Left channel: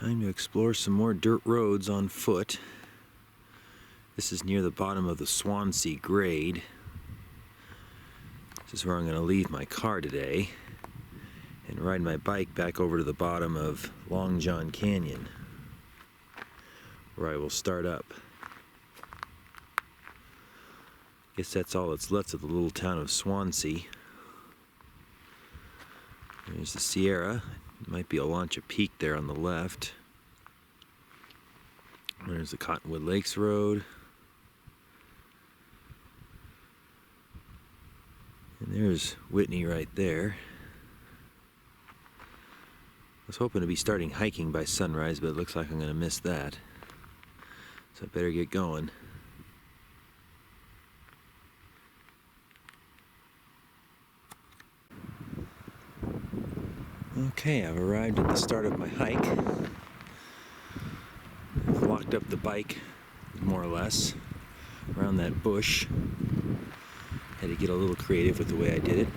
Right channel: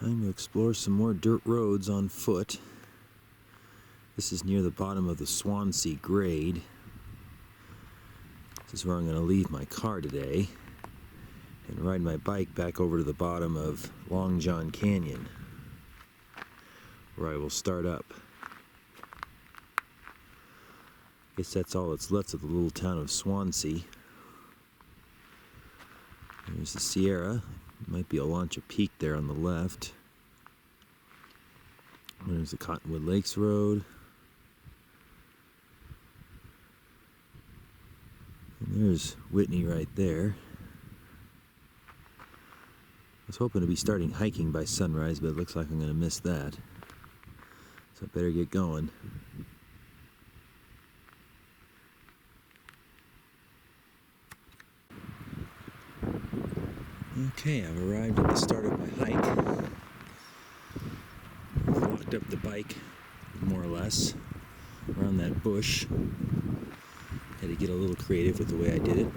Time to explore some more dirt roads on foot. This is near the bottom of the Swansea grade. This is where I'm going to leave my car today and ride my bike back over to the bottom of Long John Canyon, where I will start up. Guess that's all that's left of the little town of Swansea. There's the Sierra. Might be a Launcha Peak there on the left. There's the Cottonwood Lakes Road. And there's Whitney right there. I was hoping to be starting hiking by sunrise, but it looks like I'm going to miss that. So I better get going. Okay, I've arrived at the start of my hike. I've locked up the bike, more or less, around that bush. Had to get a little creative with the way I did it.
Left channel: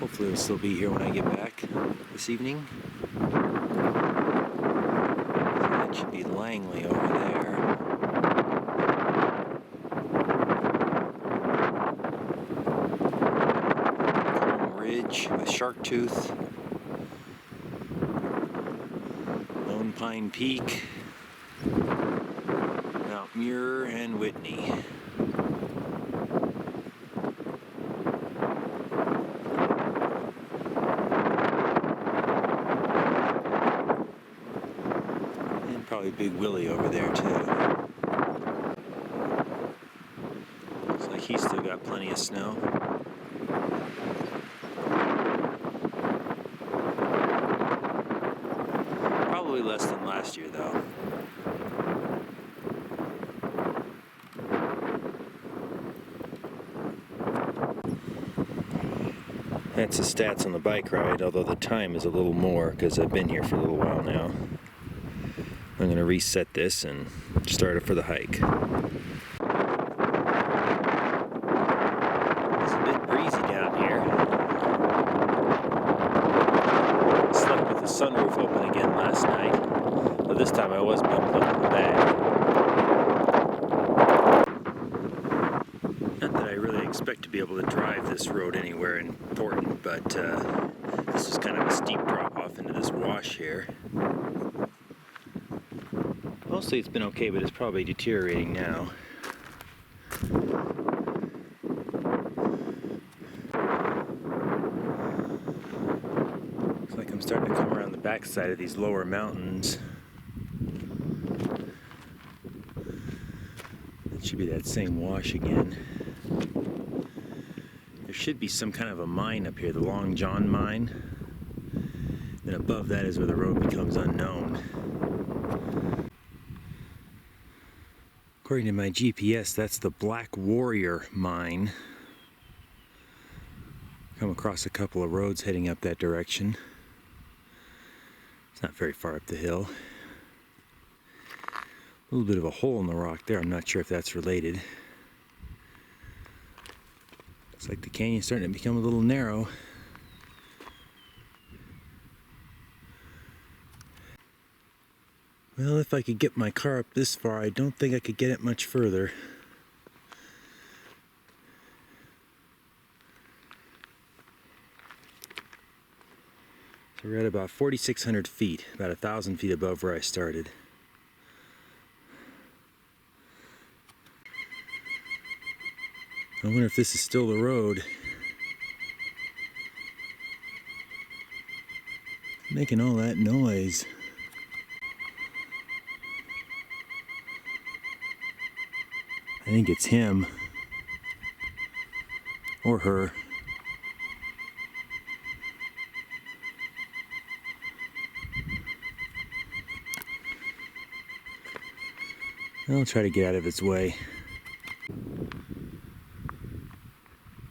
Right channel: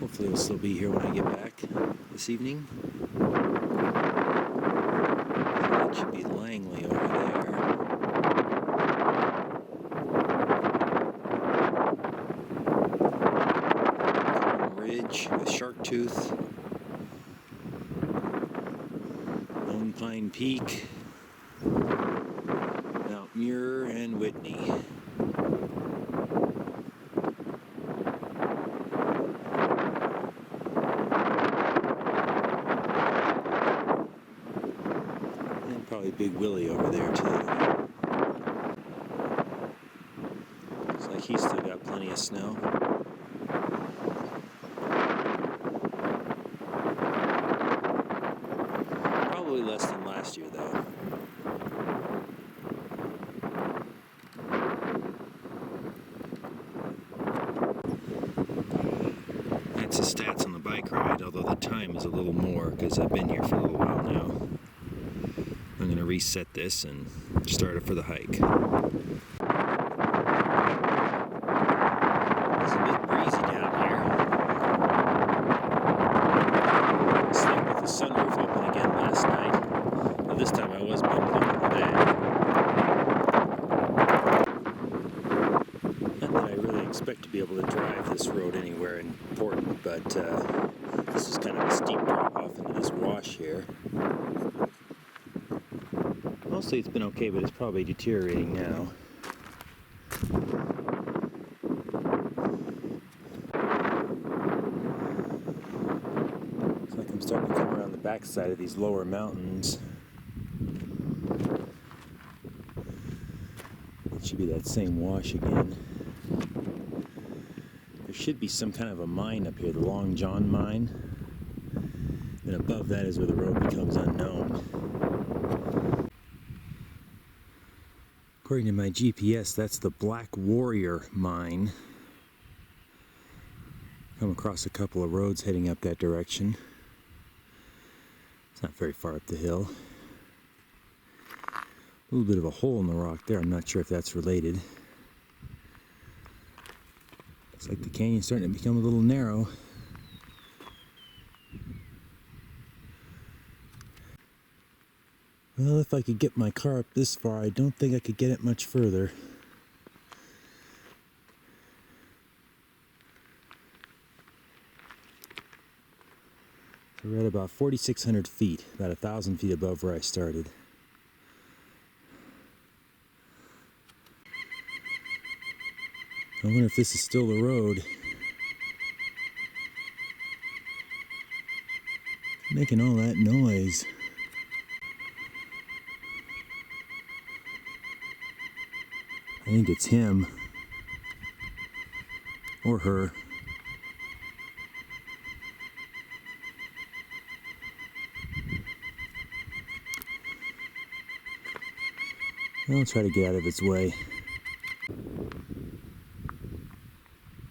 Hopefully it'll still be here when I get back this evening. That should be Langley over there. Ridge with Shark Tooth, Lone Pine Peak, Mount Muir, and Whitney. And probably Big Willie over there too. Looks like he's still got plenty of snow. Probably less than last year, though. That's the stats on the bike ride, although the time is a little more because I've been here for a little while now. I'm going to reset this and start it for the hike. It's a bit breezy down here. Slept with the sunroof open again last night. But this time I was bundled up in the bag. Not that I really expect to be able to drive this road anywhere important, but this is kind of a steep drop off into this wash here. Mostly it's been okay, but it's probably deteriorating now. Looks like I'm starting to come around the backside of these lower mountains. It should be that same wash again. There should be some kind of a mine up here, the Long John mine. And above that is where the road becomes unknown. According to my GPS, that's the Black Warrior mine. Come across a couple of roads heading up that direction. It's not very far up the hill. A little bit of a hole in the rock there. I'm not sure if that's related. Looks like the canyon's starting to become a little narrow. Well, if I could get my car up this far, I don't think I could get it much further. So we're at about 4,600 feet, about 1,000 feet above where I started. I wonder if this is still the road. Making all that noise. I think it's him. Or her. I'll try to get out of its way.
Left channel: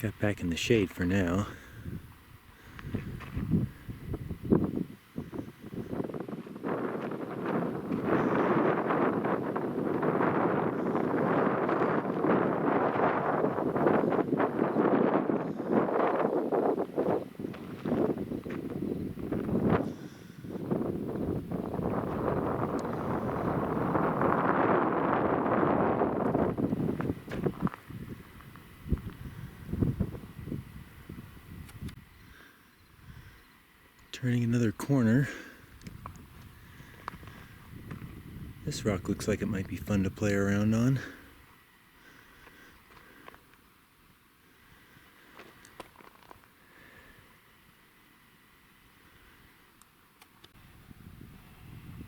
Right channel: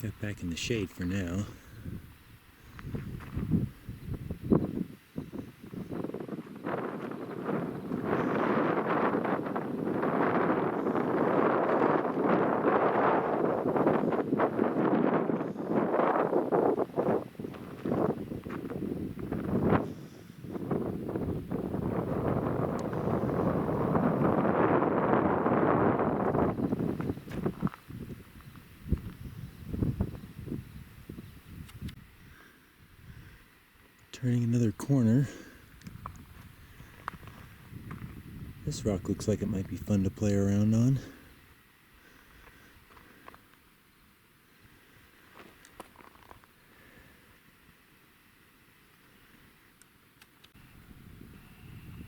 Got back in the shade for now. Turning another corner. This rock looks like it might be fun to play around on.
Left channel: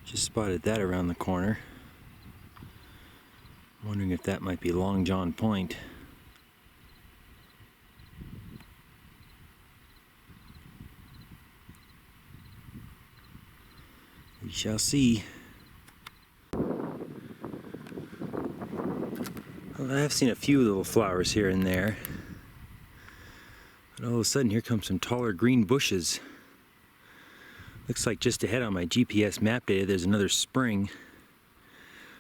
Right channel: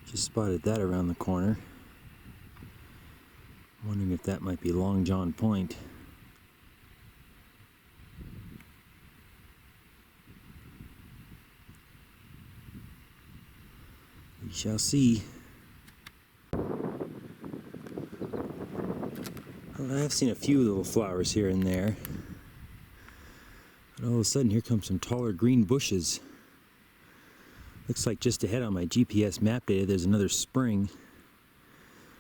Just spotted that around the corner. Wondering if that might be Long John Point. We shall see. Well, I have seen a few little flowers here and there. But all of a sudden here come some taller green bushes. Looks like just ahead on my GPS map data there's another spring.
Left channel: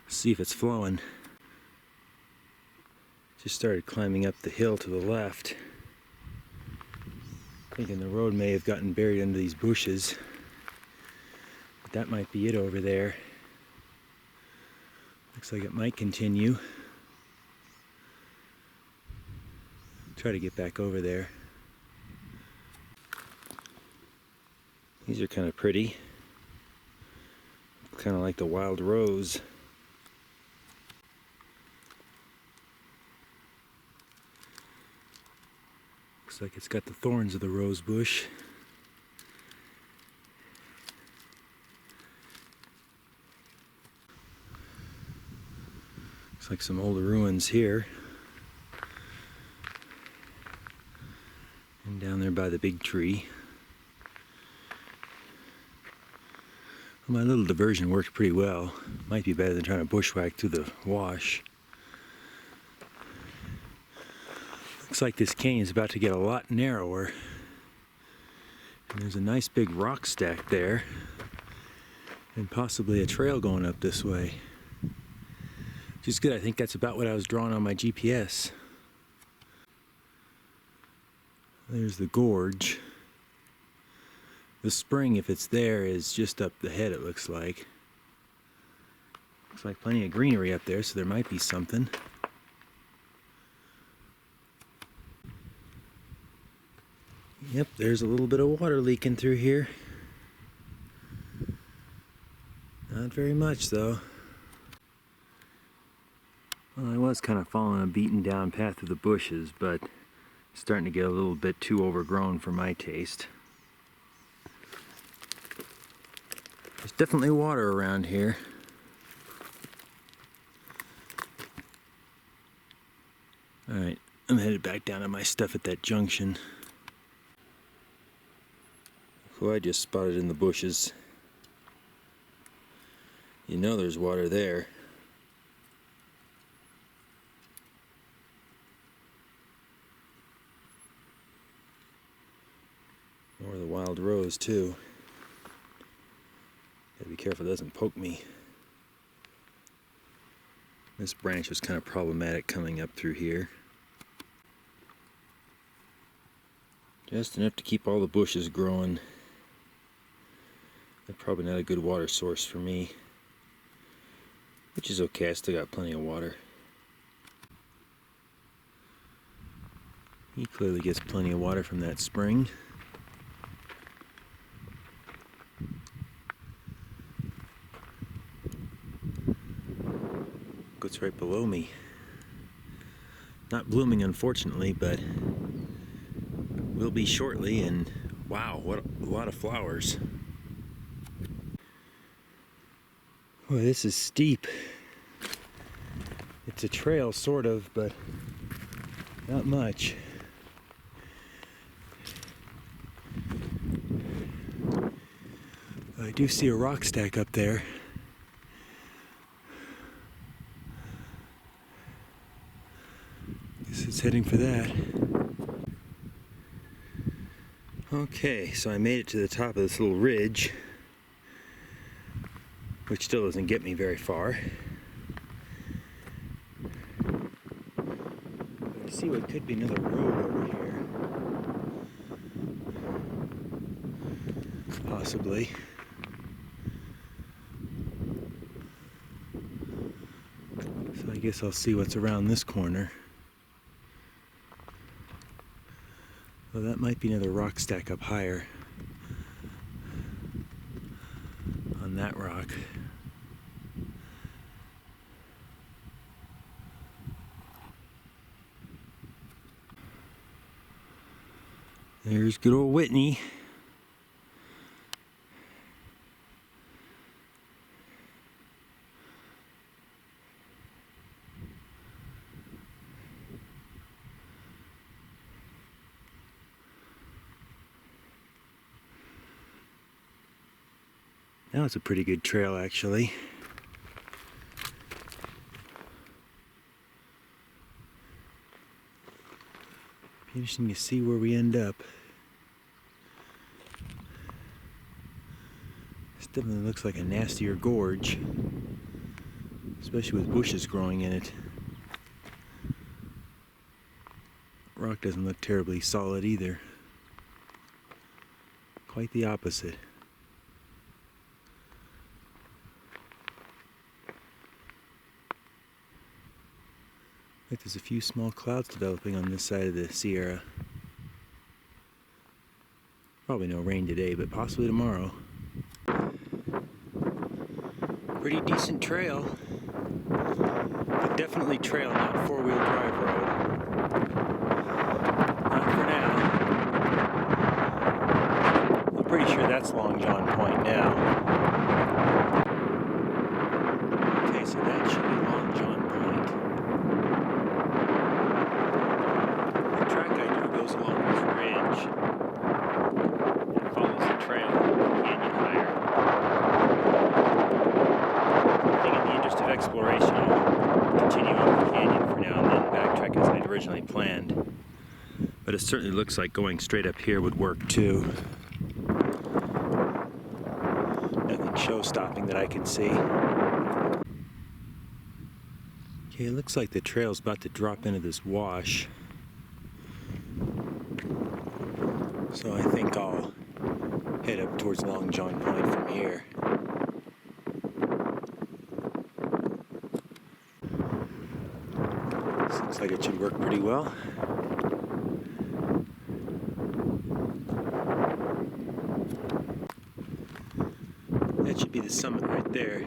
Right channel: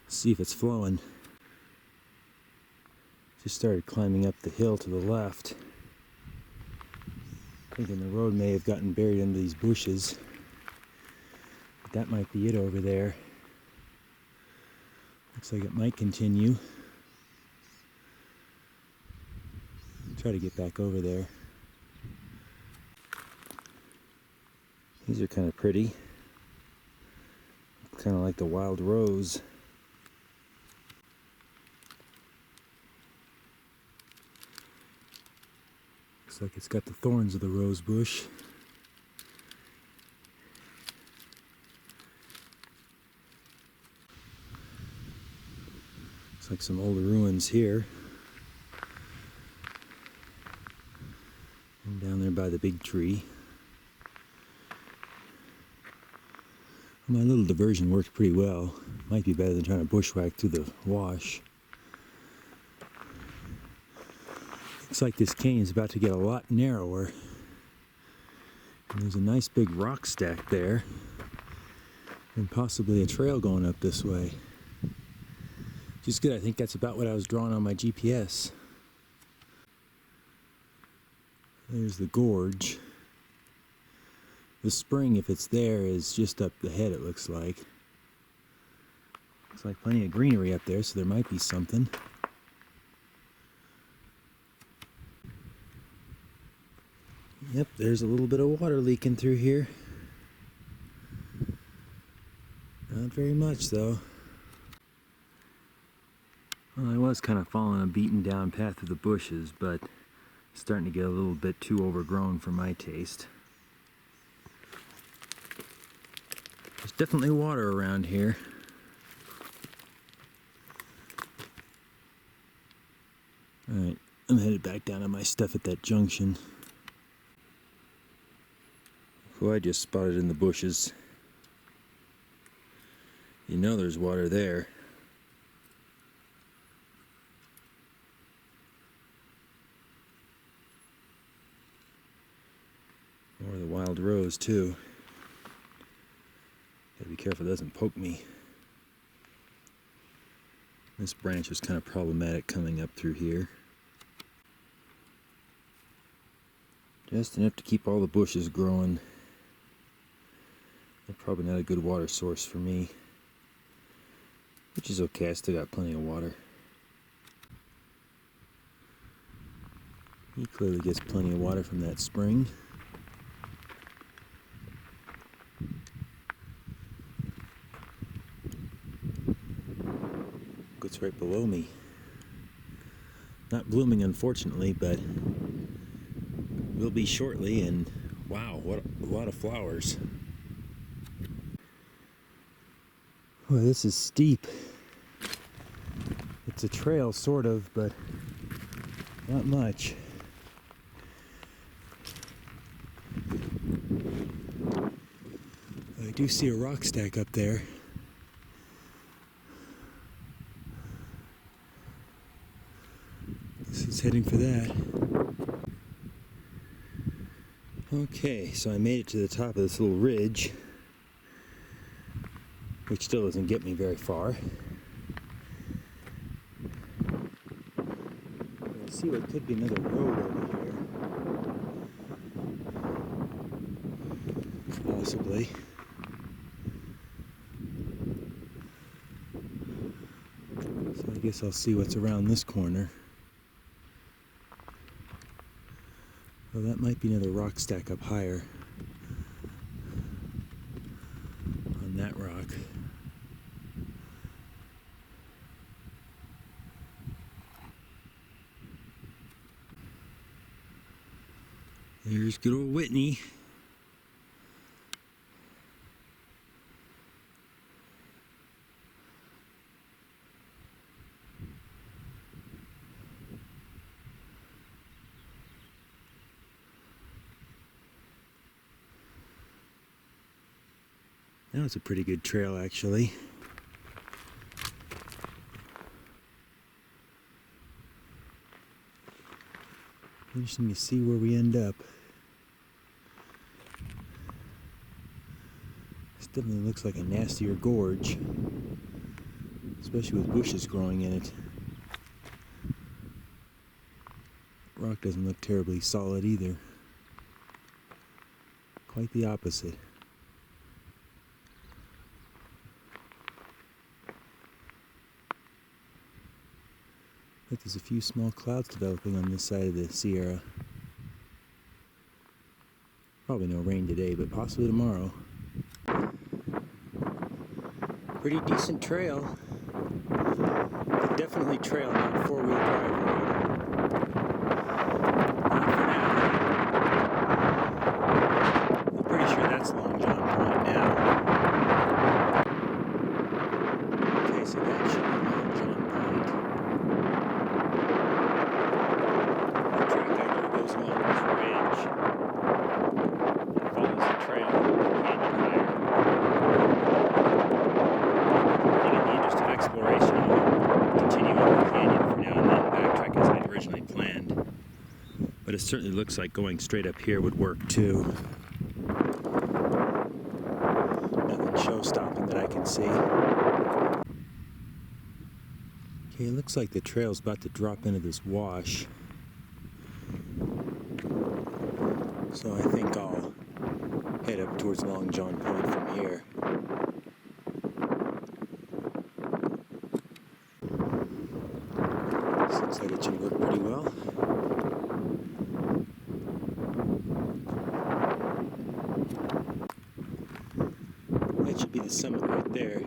Let's see if it's flowing. Just started climbing up the hill to the left. Thinking the road may have gotten buried under these bushes. But that might be it over there. Looks like it might continue. Try to get back over there. These are kind of pretty. Kind of like the wild rose. Looks like it's got the thorns of the rose bush. Looks like some old ruins here. And down there by the big tree. Well, my little diversion worked pretty well. Might be better than trying to bushwhack through the wash. Looks like this canyon is about to get a lot narrower. And there's a nice big rock stack there. And possibly a trail going up this way. Which is good. I think that's about what I was drawing on my GPS. There's the gorge. The spring, if it's there, is just up the head, it looks like. Looks like plenty of greenery up there, so there might be something. Yep, there's a little bit of water leaking through here. Not very much, though. Well, I was kind of following a beaten down path through the bushes, but it's starting to get a little bit too overgrown for my taste. There's definitely water around here. Alright, I'm headed back down to my stuff at that junction. Who I just spotted in the bushes. You know there's water there. More of the wild rose too. Gotta be careful it doesn't poke me. This branch was kind of problematic coming up through here. Just enough to keep all the bushes growing. They're probably not a good water source for me. Which is okay, I still got plenty of water. He clearly gets plenty of water from that spring. It's right below me. Not blooming, unfortunately, but will be shortly, and wow, what a lot of flowers. Boy, this is steep. It's a trail, sort of, but not much. I do see a rock stack up there. It's heading for that. Okay, so I made it to the top of this little ridge, which still doesn't get me very far. But I see what could be another road over here. Possibly. So I guess I'll see what's around this corner. Well, that might be another rock stack up higher. rock. There's good old Whitney. That was a pretty good trail, actually. Interesting to see where we end up. This definitely looks like a nastier gorge, especially with bushes growing in it. Rock doesn't look terribly solid either. Quite the opposite. Like there's a few small clouds developing on this side of the Sierra. Probably no rain today, but possibly tomorrow. Pretty decent trail, but definitely trail, not four-wheel drive road. Not for now. I'm pretty sure that's Long John Point now. Okay, so that should be Long John Point. The track I drew goes along this ridge and follows the trail the canyon higher. I think in the interest of exploration, I'll continue up the canyon for now and then backtrack as I'd originally planned. But it certainly looks like going straight up here would work too. Nothing show-stopping that I can see. Okay, it looks like the trail's about to drop into this wash. So I think I'll head up towards Long John Point from here. This looks like it should work pretty well. That should be the summit right there.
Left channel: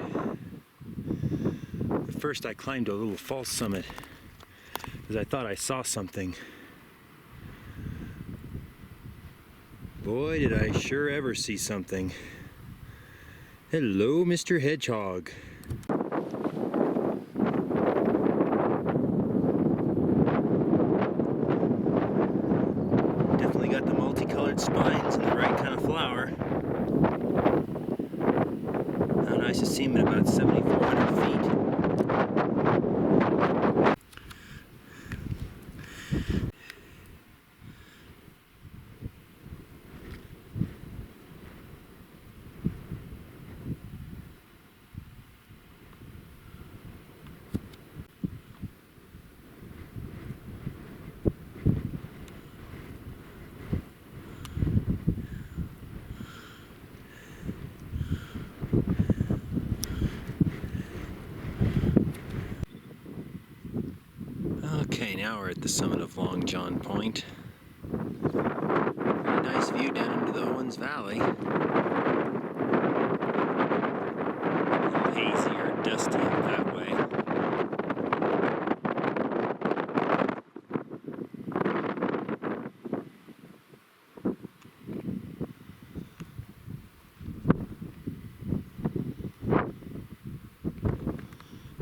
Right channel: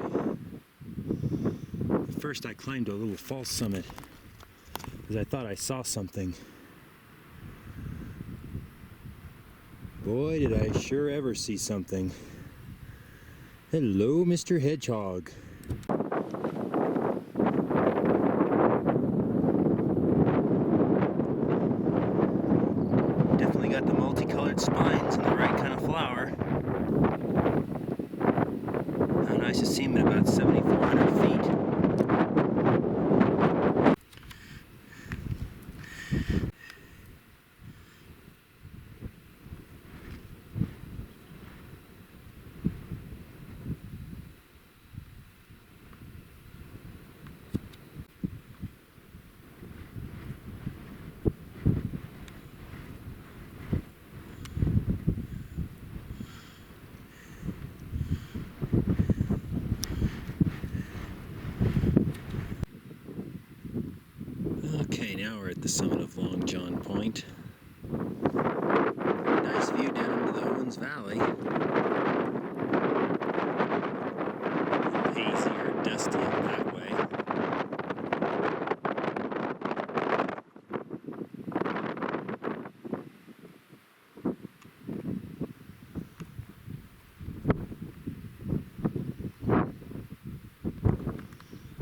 At first I climbed a little false summit because I thought I saw something. Boy, did I sure ever see something. Hello, Mr. Hedgehog. Definitely got the multicolored spines and the right kind of flower. How nice to see him at about 7,400 feet. Okay, now we're at the summit of Long John Point. Very nice view down into the Owens Valley. A little hazy or dusty up that way.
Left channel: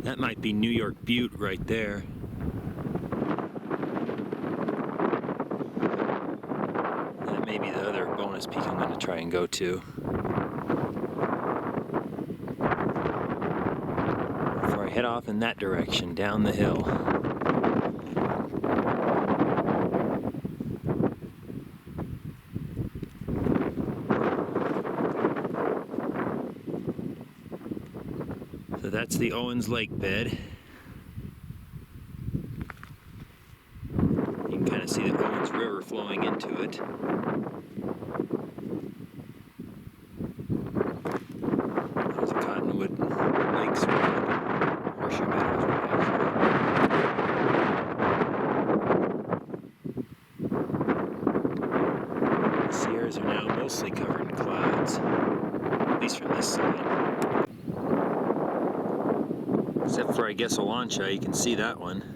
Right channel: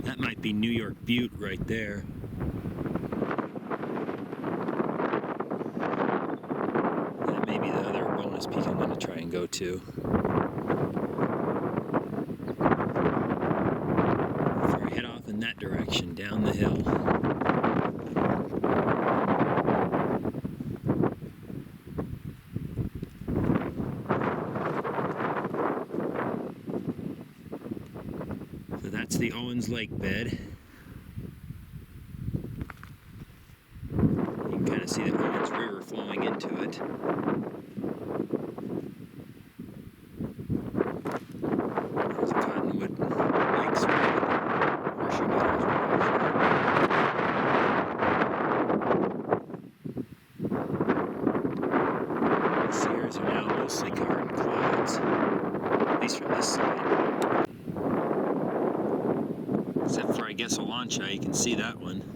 That might be New York Butte right there. Maybe the other bonus peak I'm going to try and go to. Before I head off in that direction, down the hill. So that's the Owens Lake bed. You can kind of see the Owens River flowing into it. There's a Cottonwood Lake Swamp, Horseshoe Meadows Reduction. The Sierras are now mostly covered in clouds, at least from this side. guess a lancha, you can see that one.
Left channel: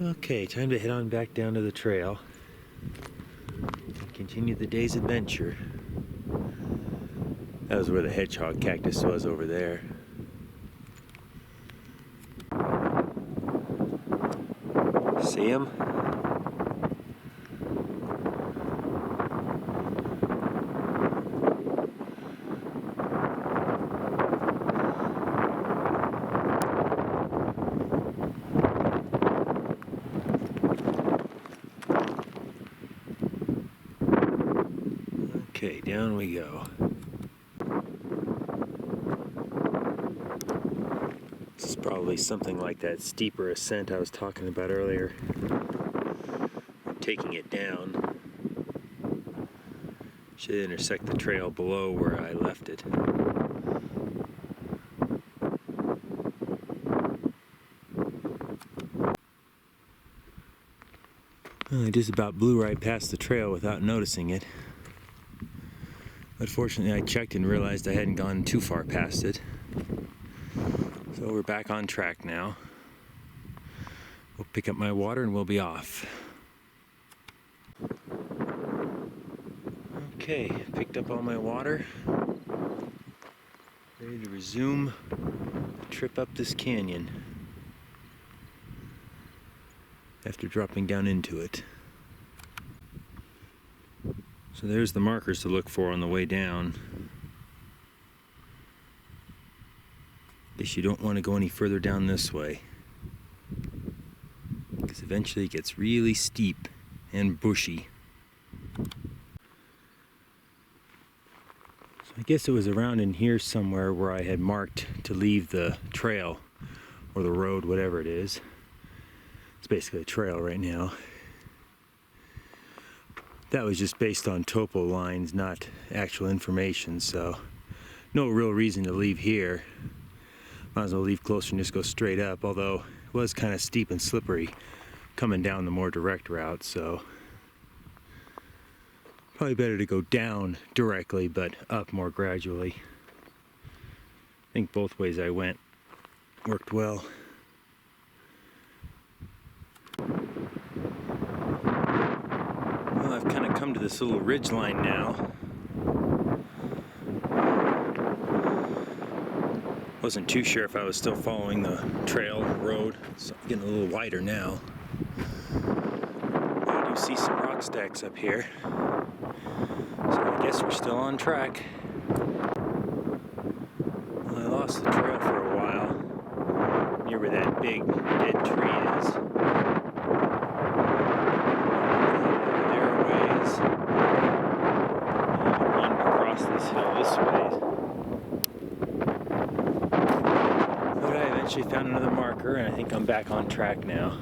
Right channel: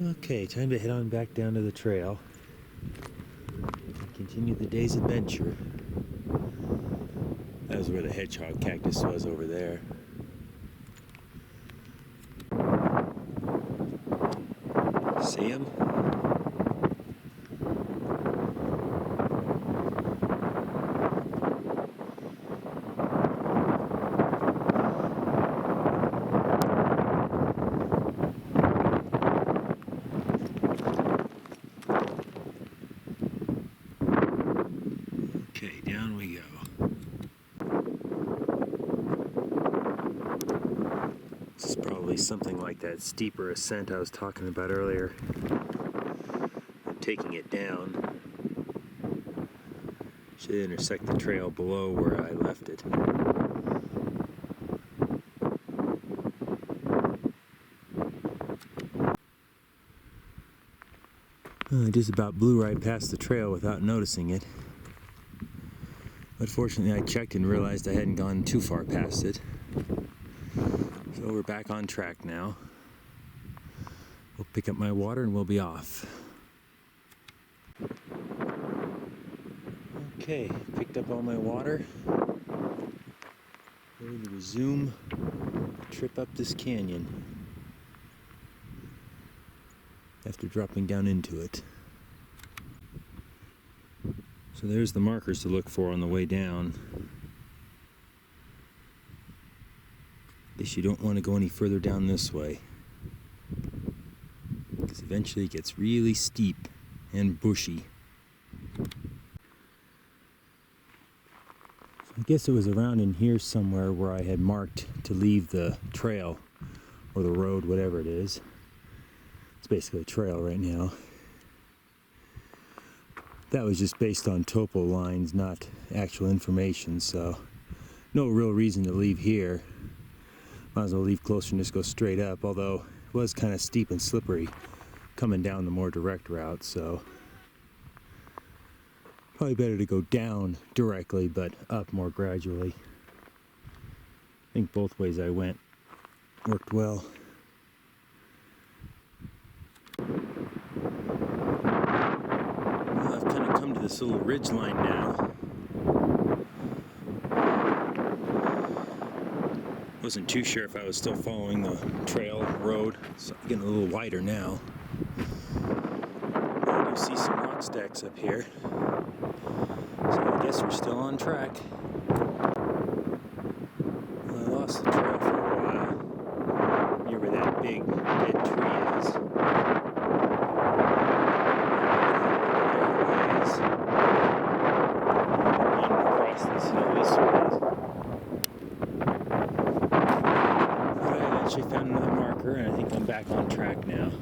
Okay, time to head on back down to the trail and continue the day's adventure. That was where the hedgehog cactus was over there. See him? Okay, down we go. This is probably something like that steeper ascent I was talking about earlier. Taking it down should intersect the trail below where I left it. I just about blew right past the trail without noticing it. But fortunately I checked and realized I hadn't gone too far past it. So we're back on track now. We'll pick up my water and we'll be off. Okay, picked up all my water. Ready to resume the trip up this canyon after dropping down into it. So there's the markers to look for on the way down. Guess you don't want to go any further down this way, because eventually it gets really steep and bushy. So I guess it was around in here somewhere where I had marked to leave the trail or the road, whatever it is. It's basically a trail right now. That was just based on topo lines, not actual information, so no real reason to leave here. Might as well leave closer and just go straight up, although it was kind of steep and slippery coming down the more direct route, so probably better to go down directly but up more gradually. I think both ways I went worked well. Well, I've kind of come to this little ridge line now. Wasn't too sure if I was still following the trail road. It's getting a little wider now. I do see some rock stacks up here, so I guess we're still on track. Well, I lost the trail for a while near where that big dead tree is. There a ways. I wanted to cross this hill this way. Actually found another marker, and I think I'm back on track now.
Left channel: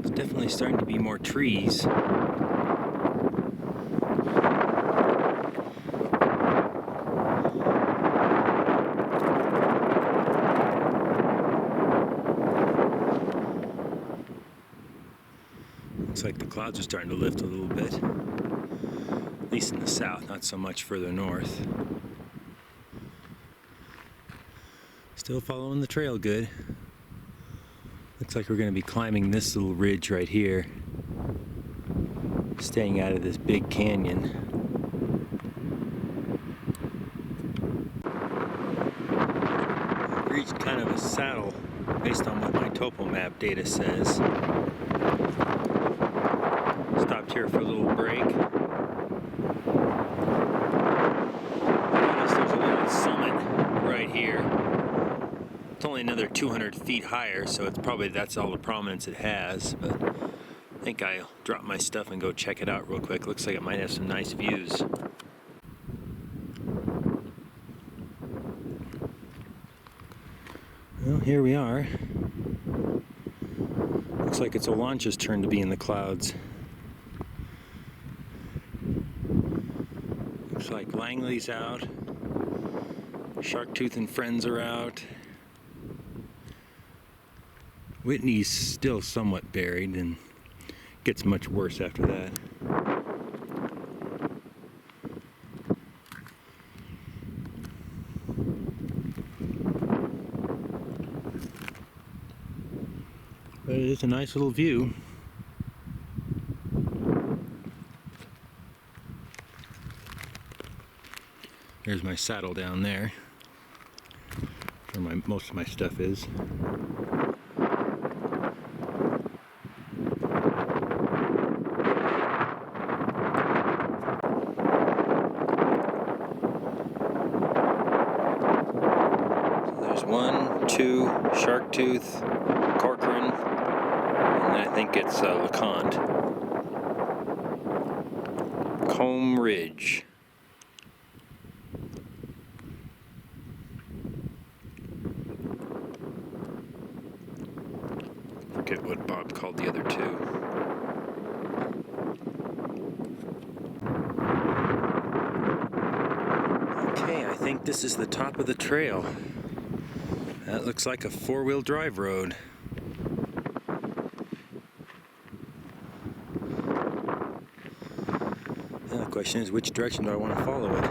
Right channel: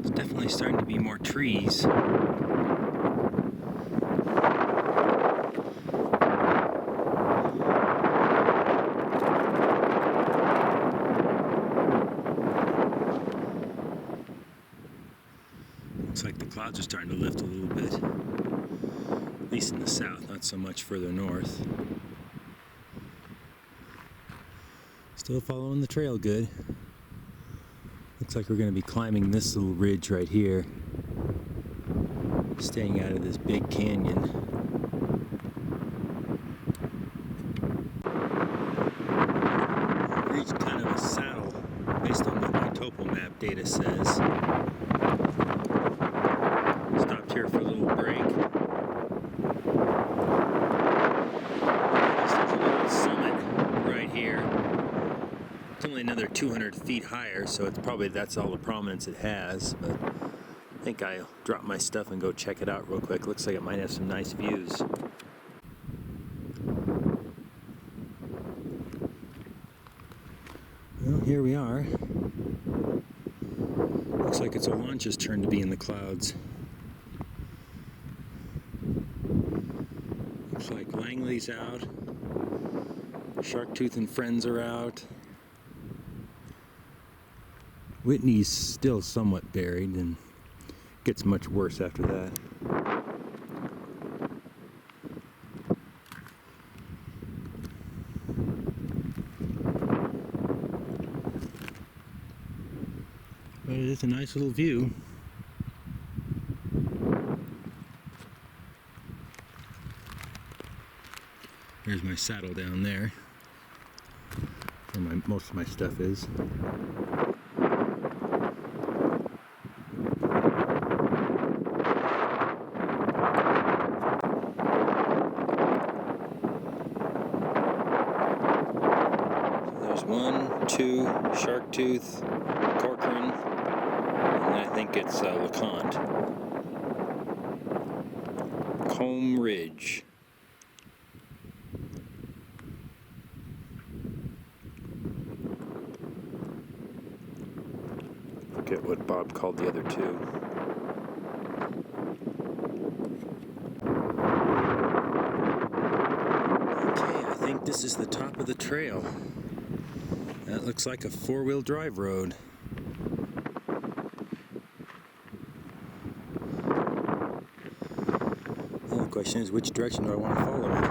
It's definitely starting to be more trees. Looks like the clouds are starting to lift a little bit, at least in the south, not so much further north. Still following the trail good. Looks like we're going to be climbing this little ridge right here, staying out of this big canyon. We've reached kind of a saddle based on what my topo map data says. Stopped here for a little break. Notice there's a little summit right here. It's only another 200 feet higher, so it's probably that's all the prominence it has. But I think I'll drop my stuff and go check it out real quick. Looks like it might have some nice views. Well, here we are. Looks like it's a launch's turn to be in the clouds. Looks like Langley's out. Sharktooth and friends are out. Whitney's still somewhat buried and gets much worse after that. But it is a nice little view. There's my saddle down there, where most of my stuff is. So there's 1, 2, Sharktooth, Corcoran, and I think it's LeConte. Combe Ridge. Forget what Bob called the other two. Okay, I think this is the top of the trail. That looks like a four-wheel drive road. Now the question is, which direction do I want to follow it?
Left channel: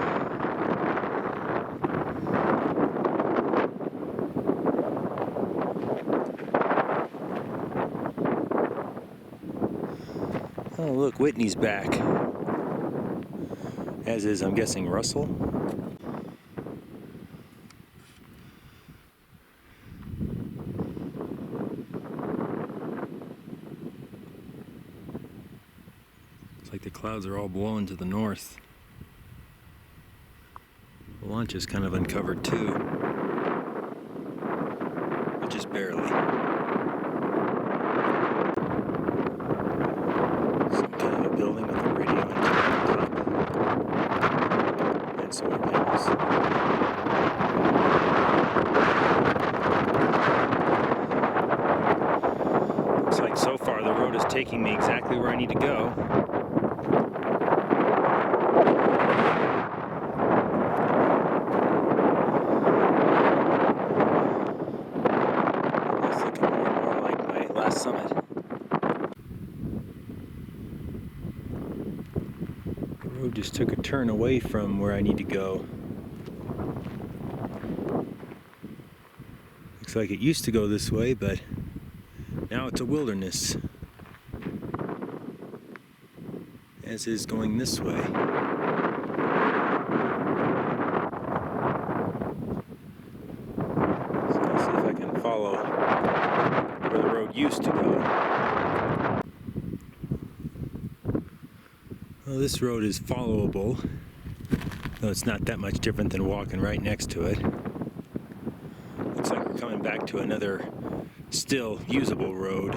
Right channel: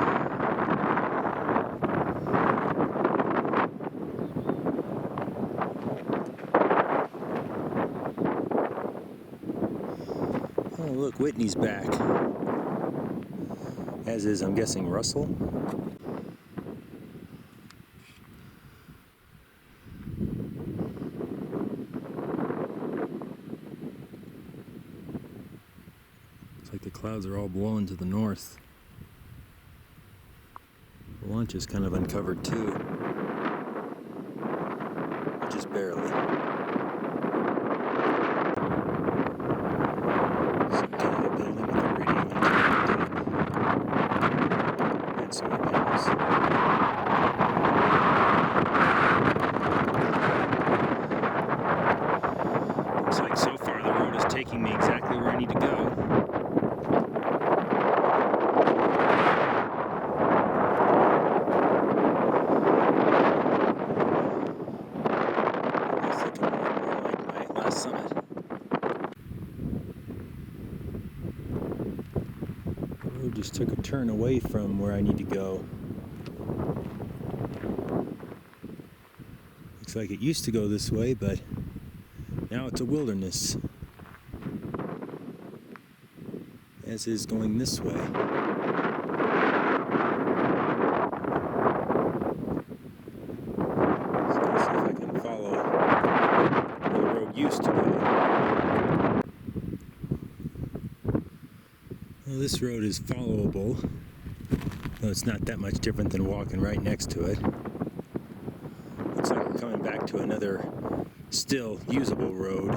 Oh, look, Whitney's back. As is, I'm guessing, Russell. Looks like the clouds are all blowing to the north. The launch is kind of uncovered too, but just barely. Some kind of a building with a radio antenna on top and solar panels. Looks like so far the road is taking me exactly where I need to go. It's looking more and more like my last summit. The road just took a turn away from where I need to go. Looks like it used to go this way, but now it's a wilderness. As is going this way. So let's see if I can follow where the road used to go. Well, this road is followable, though it's not that much different than walking right next to it. Looks like we're coming back to another still usable road.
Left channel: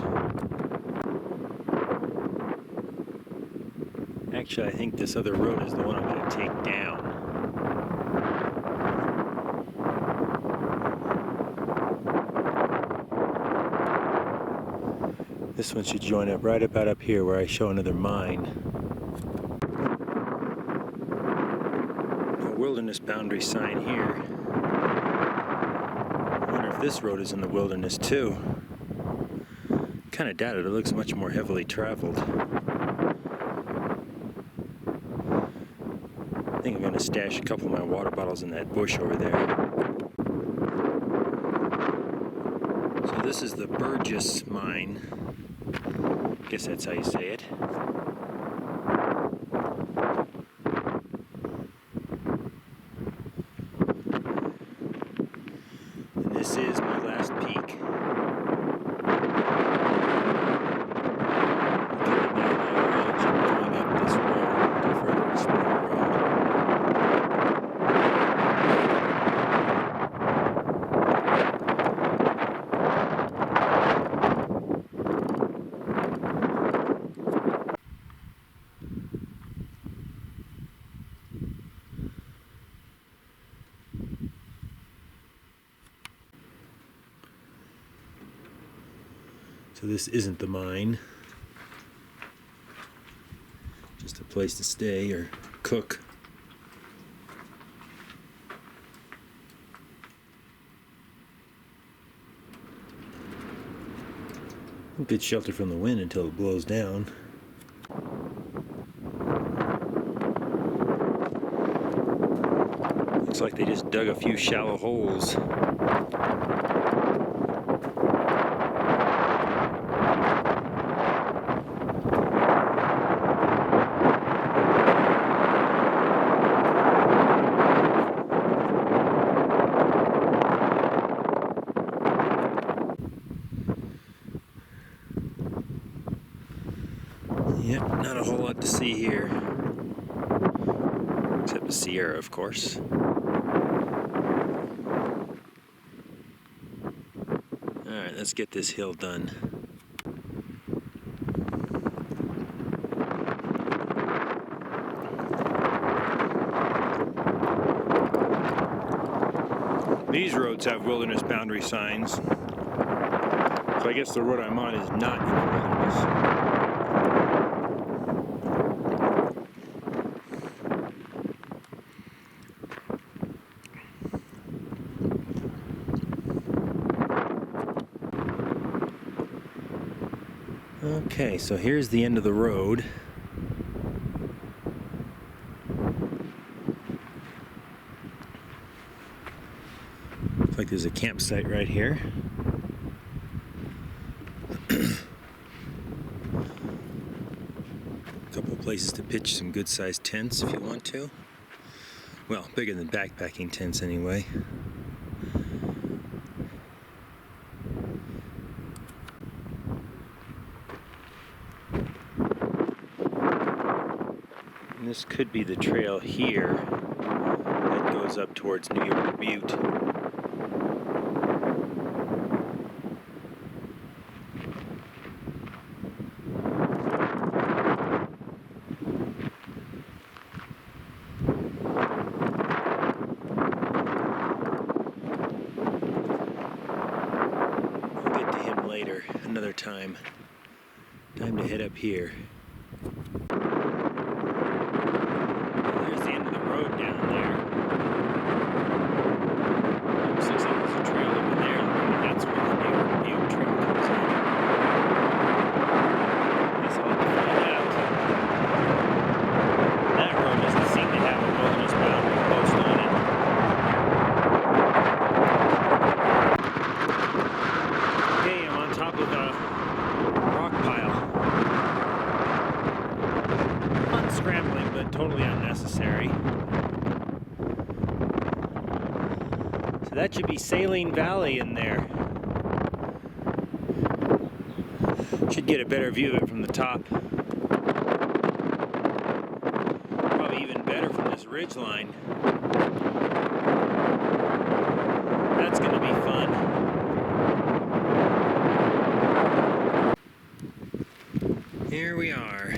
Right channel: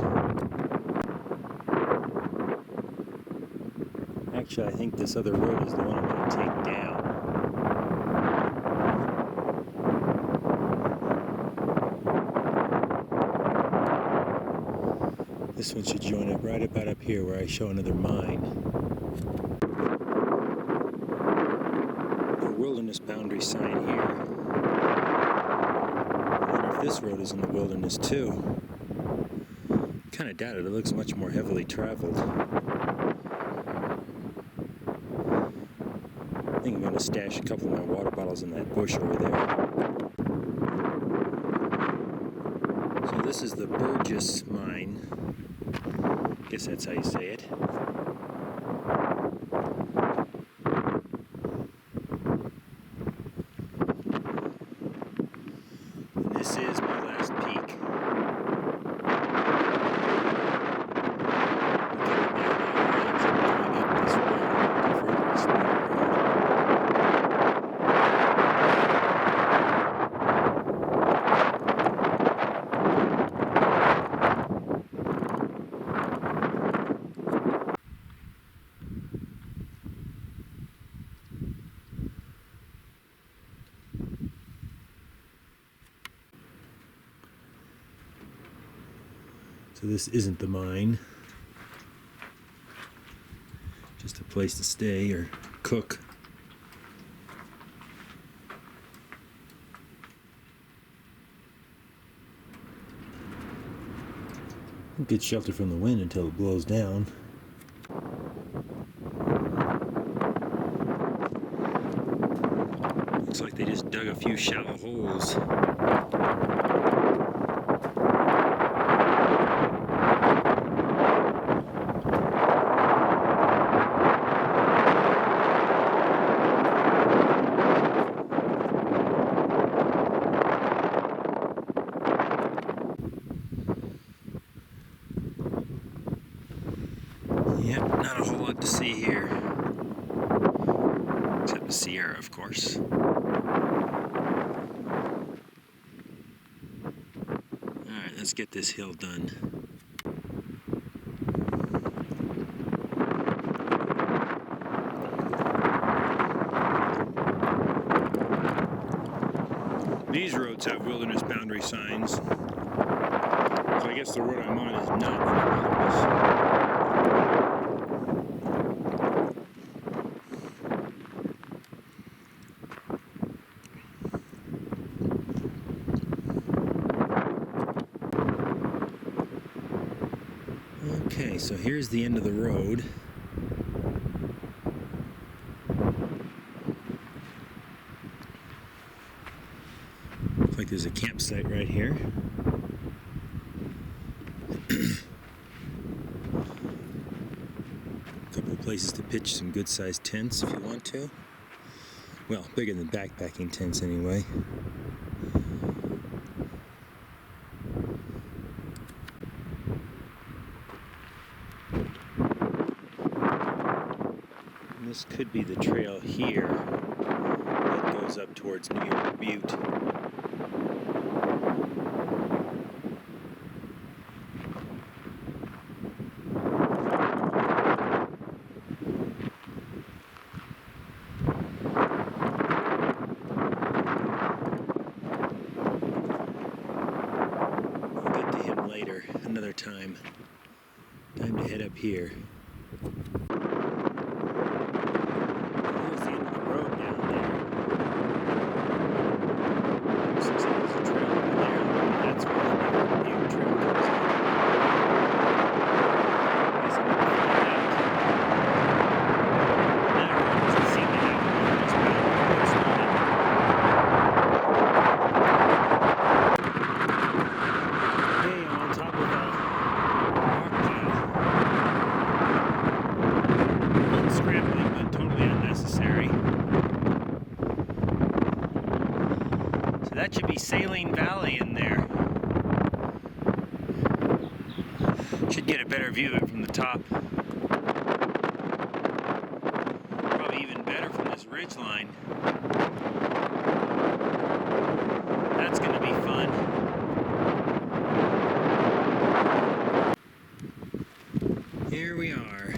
Actually, I think this other road is the one I'm going to take down. This one should join up right about up here where I show another mine. No wilderness boundary sign here. I wonder if this road is in the wilderness too. Kind of doubt it. It looks much more heavily traveled. I think I'm going to stash a couple of my water bottles in that bush over there. So this is the Burgess mine. I guess that's how you say it. And this is my last peak. Coming down that ridge and going up this road to further explore the road. So this isn't the mine. Just a place to stay or cook. Good shelter from the wind until it blows down. Looks like they just dug a few shallow holes. Yep, not a whole lot to see here. Except the Sierra, of course. Alright, let's get this hill done. These roads have wilderness boundary signs. So I guess the road I'm on is not in the wilderness. Okay, so here's the end of the road. Looks like there's a campsite right here. A couple of places to pitch some good-sized tents if you want to. Well, bigger than backpacking tents anyway. And this could be the trail here that goes up towards New York Butte. We'll get to him later, another time. Time to head up here. There's the end of the road down there. Almost looks like there's a trail over there, and that's where the New York Butte trail comes in. I guess I'll have to find out. That road doesn't seem to have a wilderness boundary post on it. Hey, I'm on top of a rock pile. Unscrambling, but totally unnecessary. So that should be Saline Valley in there. Should get a better view of it from the top. Probably even better from this ridge line. That's going to be fun. Here we are.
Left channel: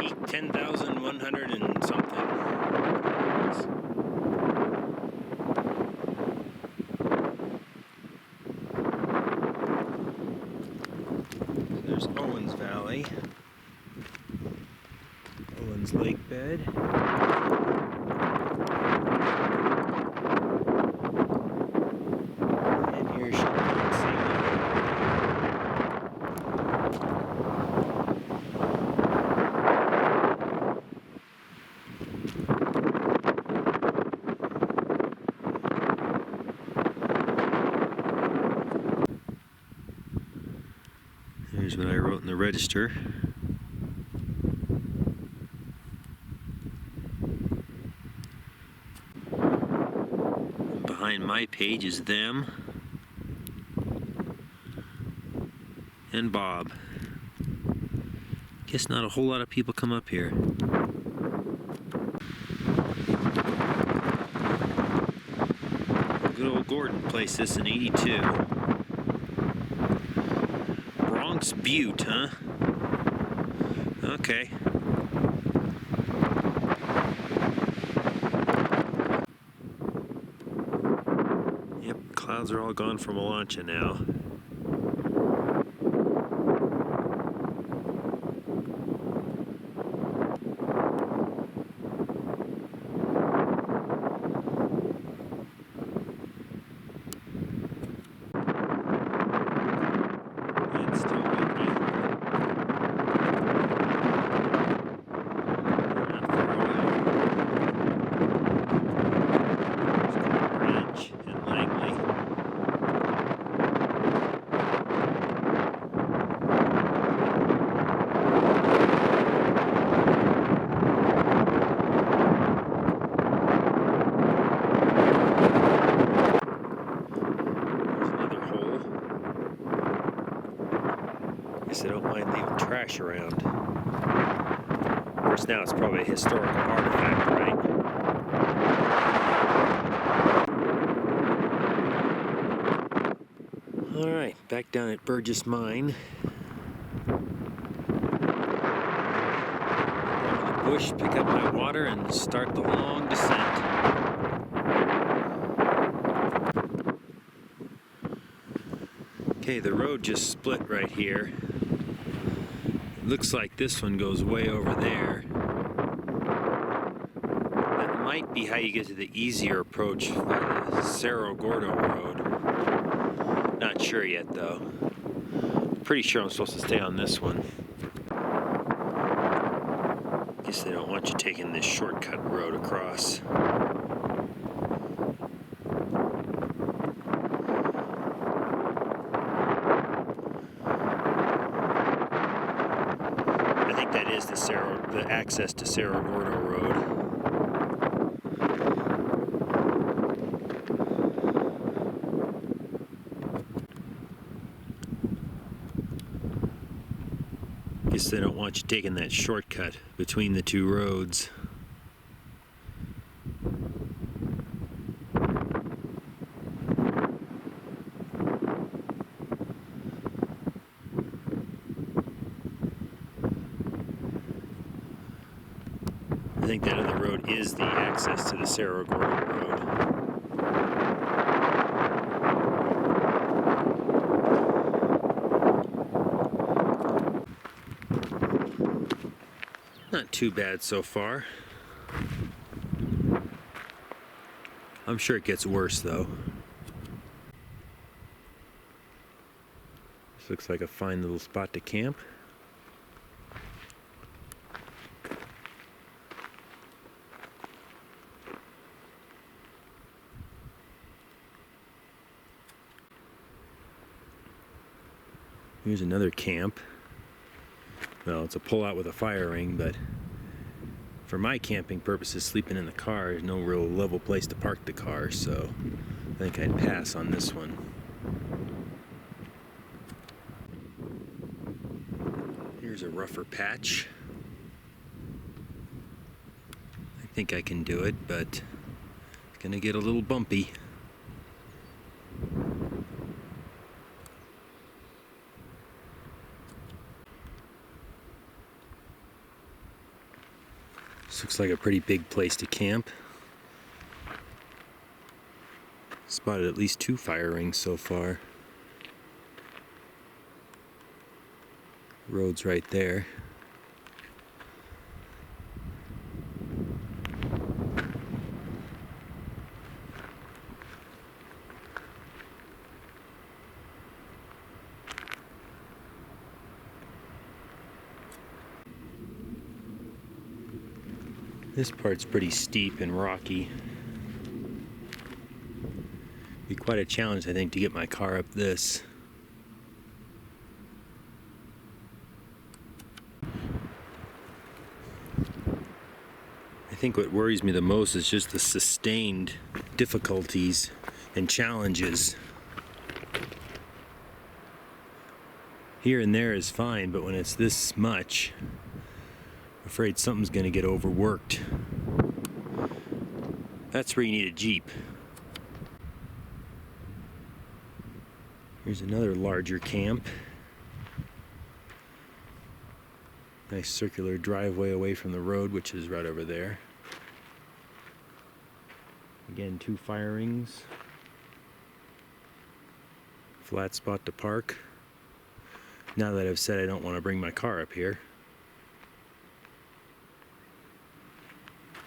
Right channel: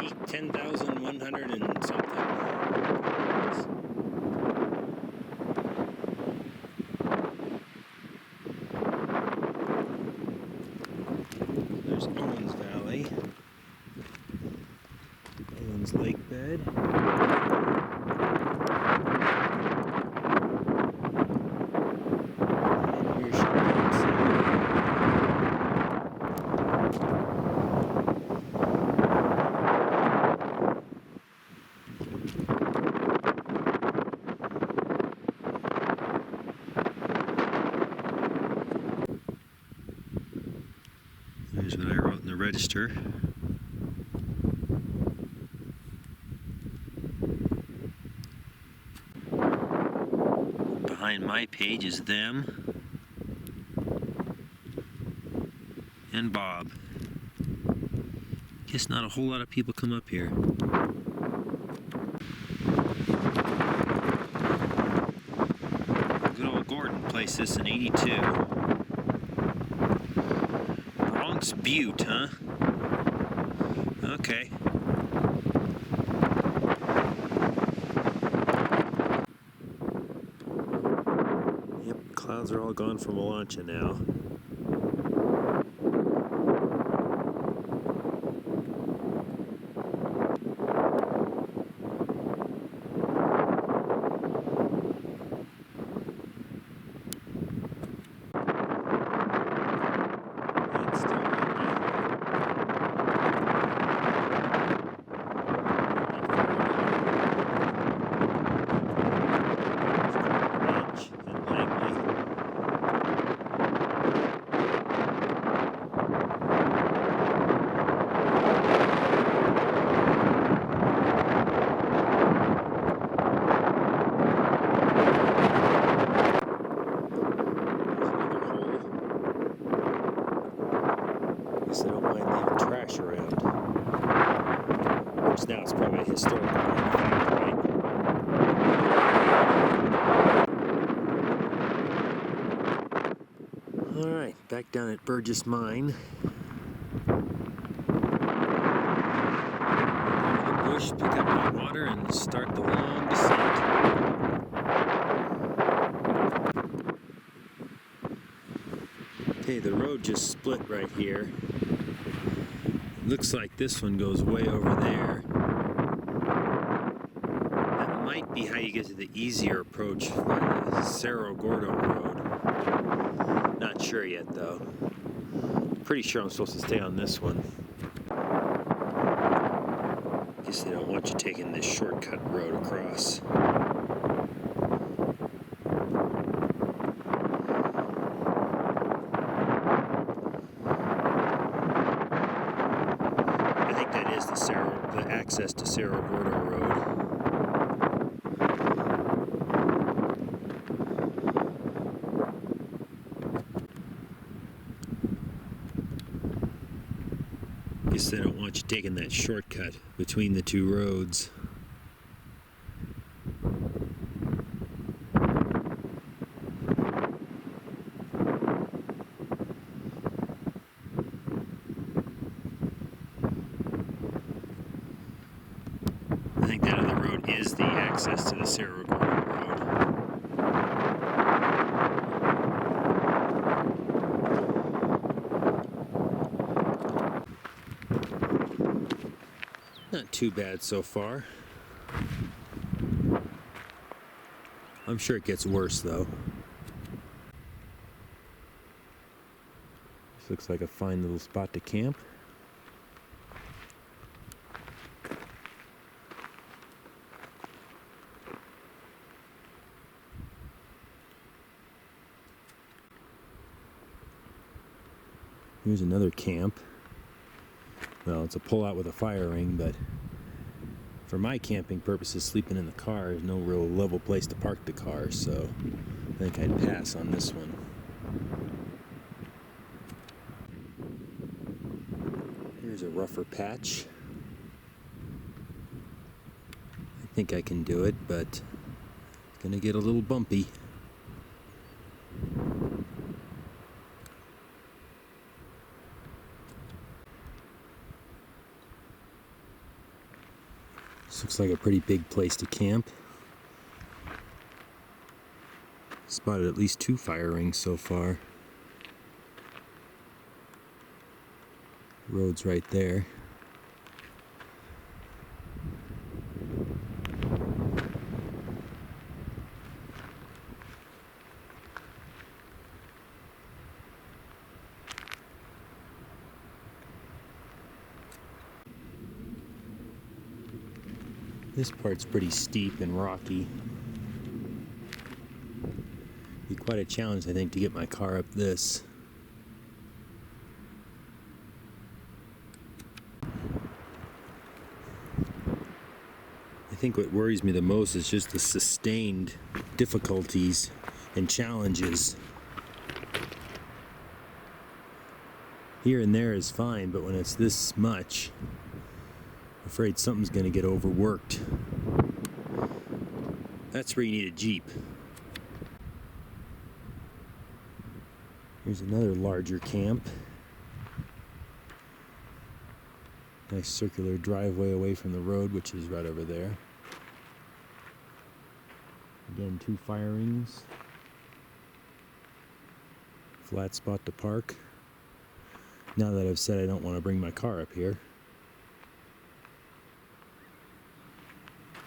Peak 10,100 and something. There's Owens Valley. Owens Lake Bed. And here's Salem. Here's what I wrote in the register. Behind my page is them and Bob. Guess not a whole lot of people come up here. Good old Gordon placed this in '82. Bronx Butte, huh? Okay. Yep, clouds are all gone from Melancha now. trash around. Of course, now it's probably a historical artifact, right? Alright, back down at Burgess Mine. Down to the bush, pick up my water, and start the long descent. Okay, the road just split right here. It looks like this one goes way over there. That might be how you get to the easier approach by the Cerro Gordo road. Not sure yet though. Pretty sure I'm supposed to stay on this one. Guess they don't want you taking this shortcut road across. I think that is the access to Cerro Gordo Road. Guess they don't want you taking that shortcut between the two roads. I think that other road is the access to the Cerro Gordo Road. Not too bad so far. I'm sure it gets worse though. This looks like a fine little spot to camp. Here's another camp. Well, it's a pull-out with a fire ring, but for my camping purposes, sleeping in the car is no real level place to park the car, so I think I'd pass on this one. Here's a rougher patch. I think I can do it, but it's gonna get a little bumpy. This looks like a pretty big place to camp. Spotted at least 2 fire rings so far. Road's right there. This part's pretty steep and rocky. Be quite a challenge, I think, to get my car up this. I think what worries me the most is just the sustained difficulties and challenges. Here and there is fine, but when it's this much, I'm afraid something's going to get overworked. That's where you need a Jeep. Here's another larger camp. Nice circular driveway away from the road, which is right over there. Again, 2 fire rings. Flat spot to park. Now that I've said I don't want to bring my car up here.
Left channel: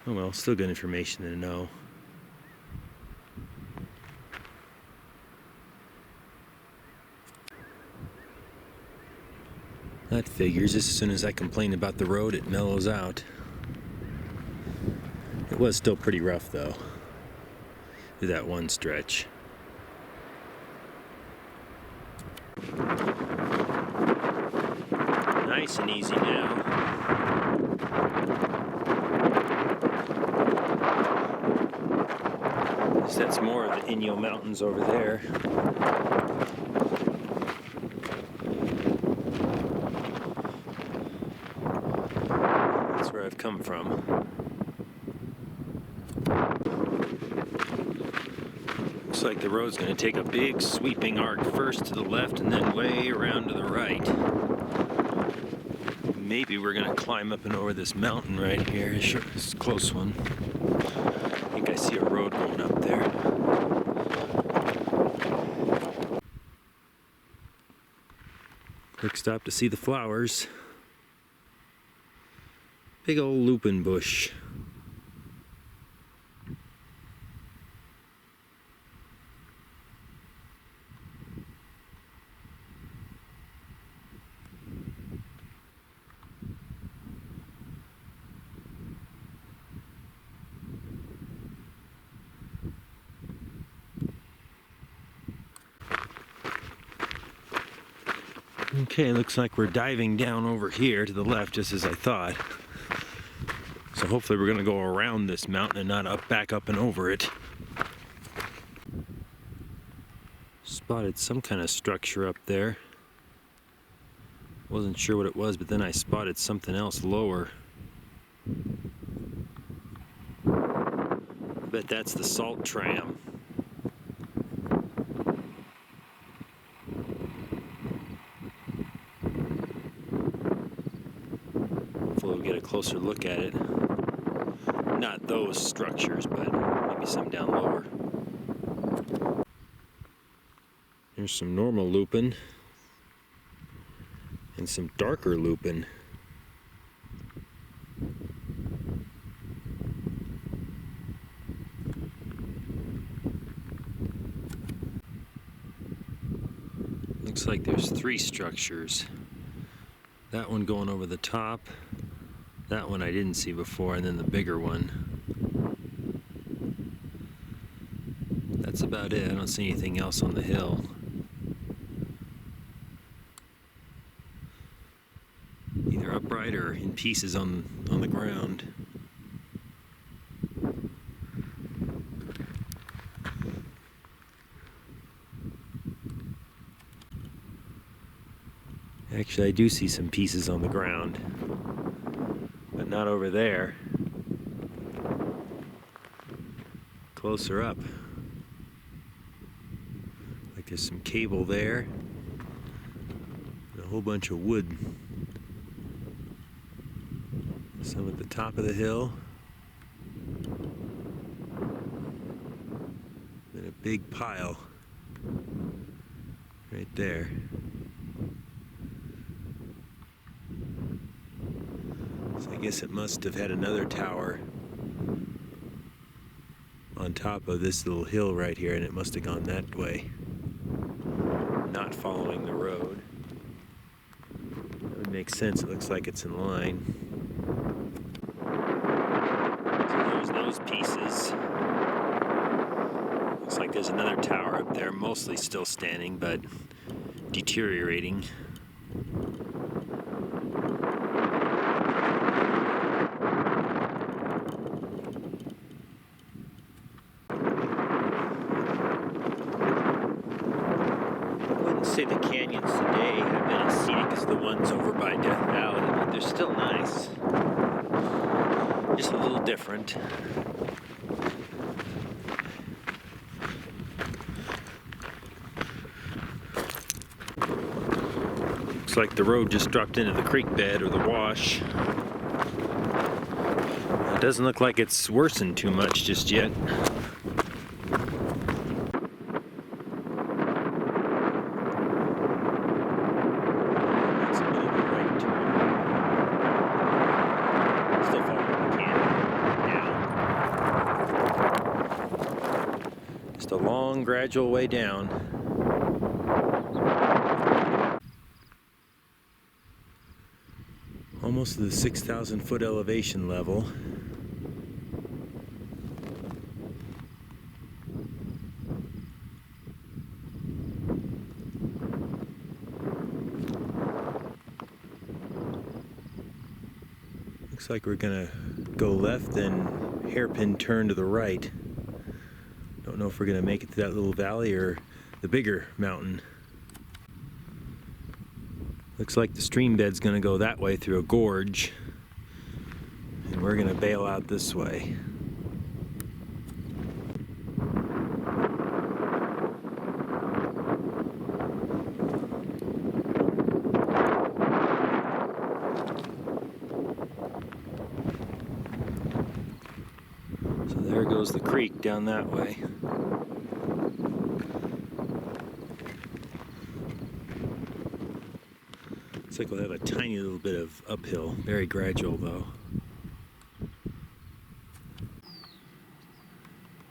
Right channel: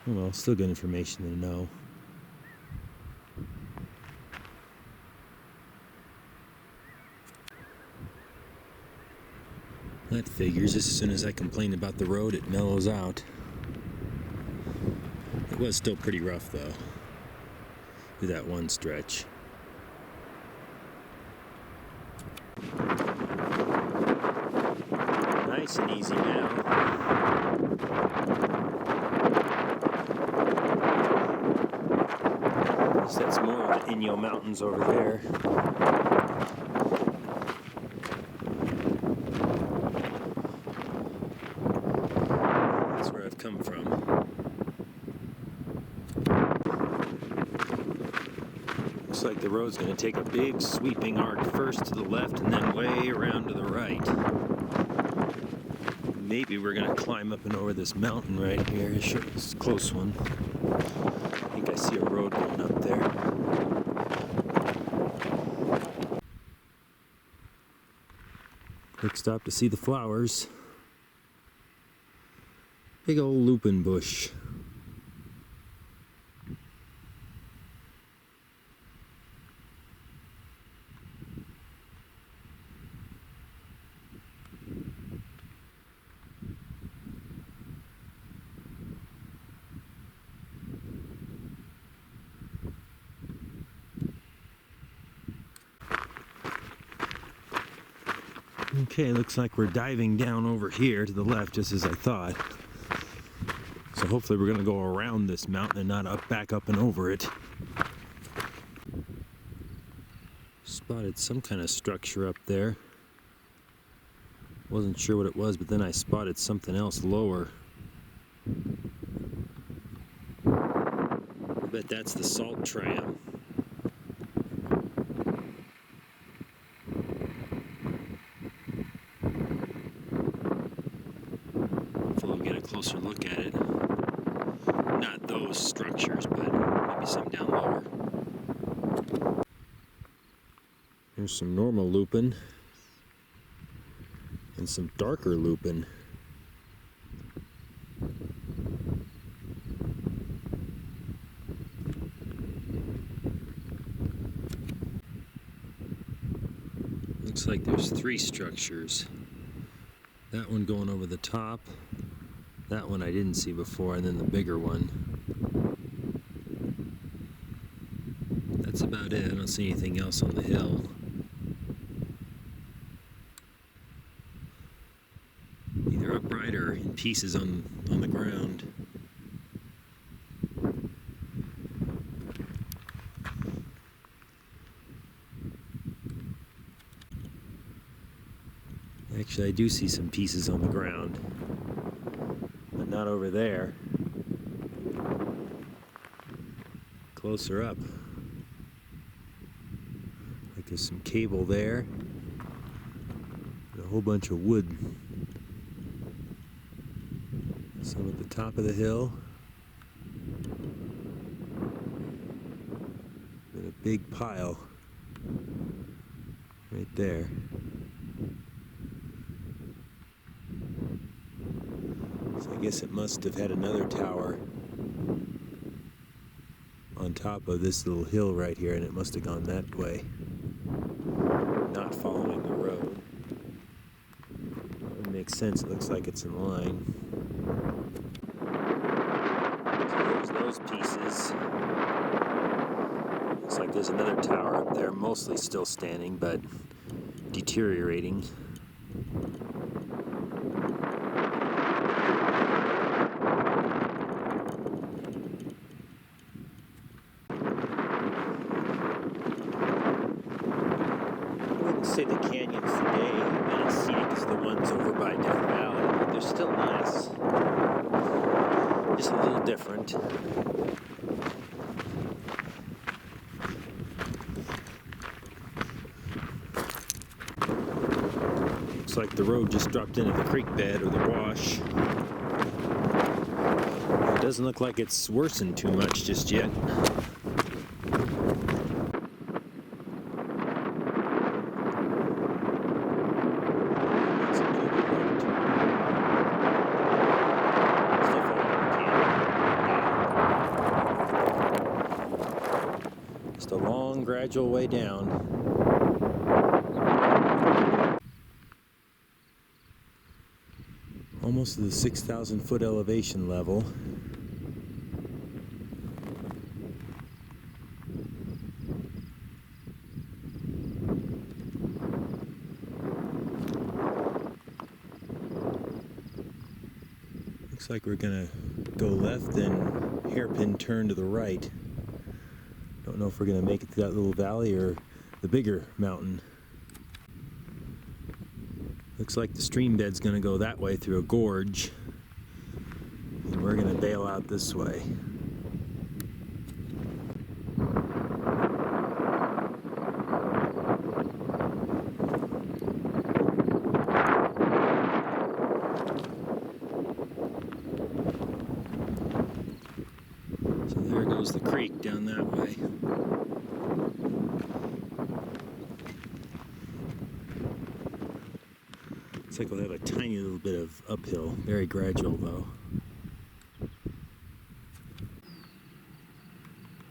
Oh well, still good information to know. That figures. As soon as I complain about the road, it mellows out. It was still pretty rough though, through that one stretch. Nice and easy now. That's more of the Inyo Mountains over there. Looks like the road's going to take a big sweeping arc first to the left and then way around to the right. Maybe we're going to climb up and over this mountain right here. Sure, it's a close one. I think I see a road going up there. Quick stop to see the flowers. Big old lupin bush. Okay, looks like we're diving down over here to the left, just as I thought. So hopefully we're going to go around this mountain and not back up and over it. Spotted some kind of structure up there. Wasn't sure what it was, but then I spotted something else lower. I bet that's the salt tram. We'll get a closer look at it. Not those structures, but maybe some down lower. There's some normal lupin and some darker lupin. Looks like there's 3 structures. That one going over the top. That one I didn't see before, and then the bigger one. That's about it. I don't see anything else on the hill. Either upright or in pieces on the ground. Actually, I do see some pieces on the ground. But not over there. Closer up. Like there's some cable there. And a whole bunch of wood. Some at the top of the hill. And a big pile. Right there. I guess it must have had another tower on top of this little hill right here, and it must have gone that way, not following the road. That would make sense. It looks like it's in line. So there's those pieces. Looks like there's another tower up there, mostly still standing, but deteriorating. Say the canyons today have been as scenic as the ones over by Death Valley, but they're still nice. Just a little different. Looks like the road just dropped into the creek bed or the wash. It doesn't look like it's worsened too much just yet. Just a long, gradual way down. Almost to the 6,000 foot elevation level. Looks like we're gonna go left and hairpin turn to the right. Don't know if we're going to make it to that little valley or the bigger mountain. Looks like the stream bed's going to go that way through a gorge. And we're going to bail out this way. follows the creek down that way. Looks like we'll have a tiny little bit of uphill, very gradual though.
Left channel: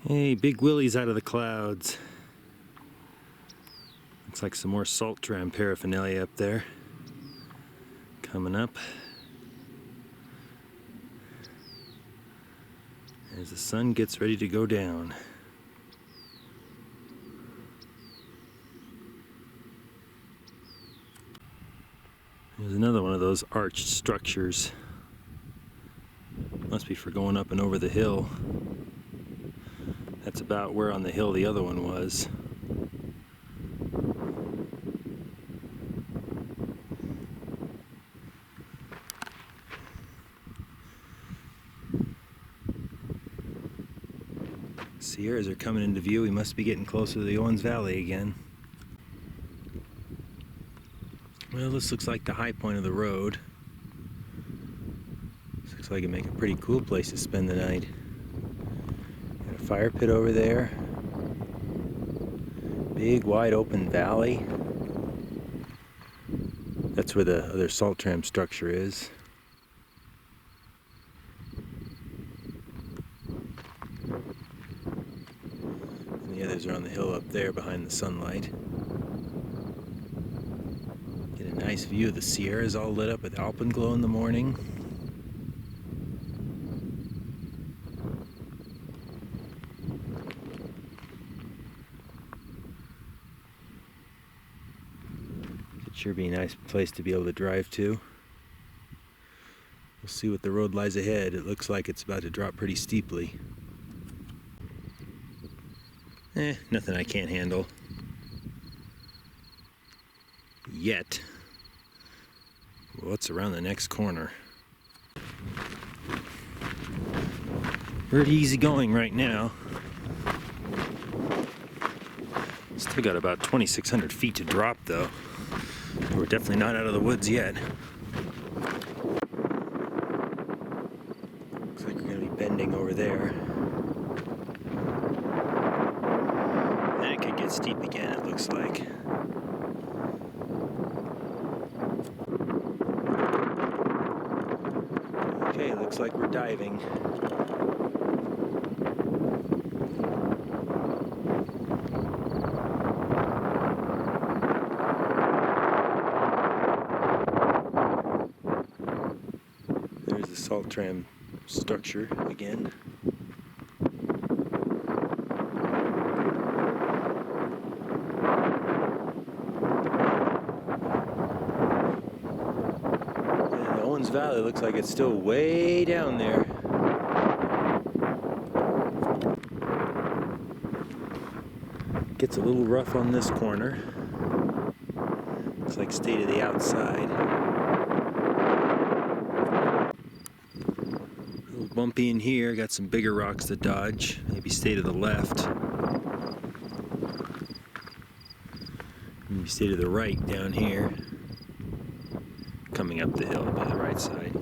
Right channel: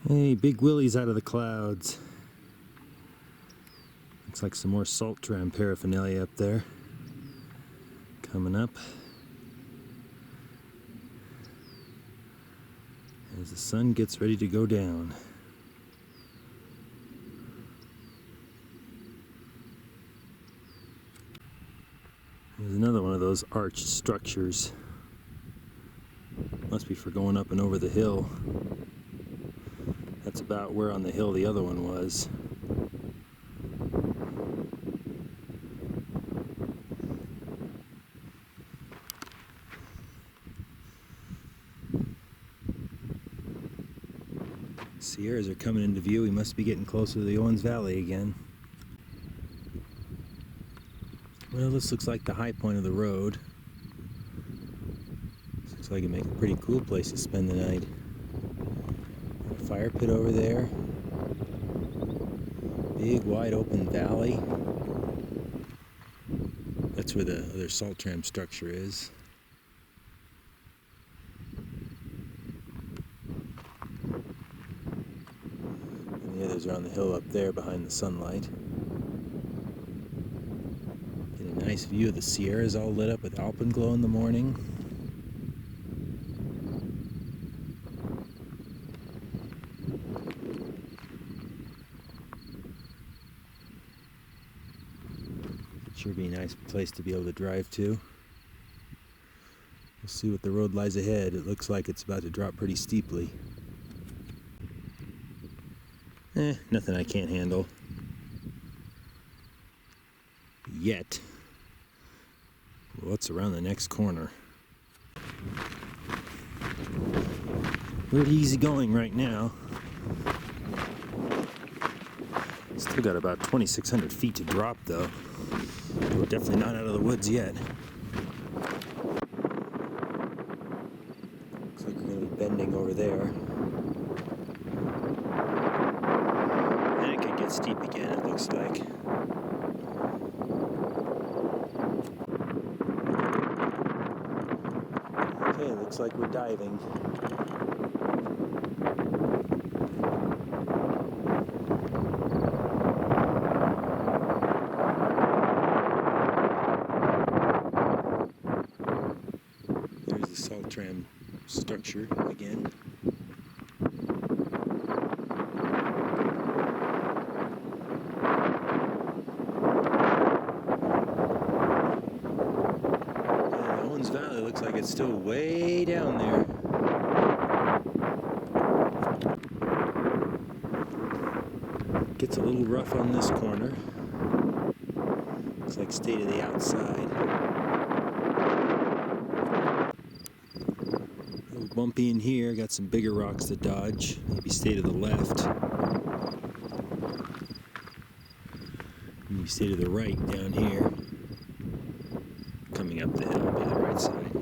Hey, Big Willie's out of the clouds. Looks like some more salt tram paraphernalia up there. Coming up. As the sun gets ready to go down. There's another one of those arched structures. Must be for going up and over the hill. That's about where on the hill the other one was. Sierras are coming into view. We must be getting closer to the Owens Valley again. Well, this looks like the high point of the road. This looks like it'd make a pretty cool place to spend the night. Got a fire pit over there. Big wide open valley. That's where the other salt tram structure is. And the others are on the hill up there behind the sunlight. Get a nice view of the Sierras all lit up with alpenglow in the morning. Sure be a nice place to be able to drive to. We'll see what the road lies ahead. It looks like it's about to drop pretty steeply. Nothing I can't handle. Yet. What's around the next corner? Pretty easy going right now. Still got about 2,600 feet to drop though. We're definitely not out of the woods yet. Looks like we're going to be bending over there. Then it could get steep again, it looks like. Okay, looks like we're diving. There's the salt tram structure again. And Owens Valley looks like it's still way down there. Gets a little rough on this corner. Looks like stay to the outside. Bumpy in here, got some bigger rocks to dodge. Maybe stay to the left. Maybe stay to the right down here. Coming up the hill by the right side.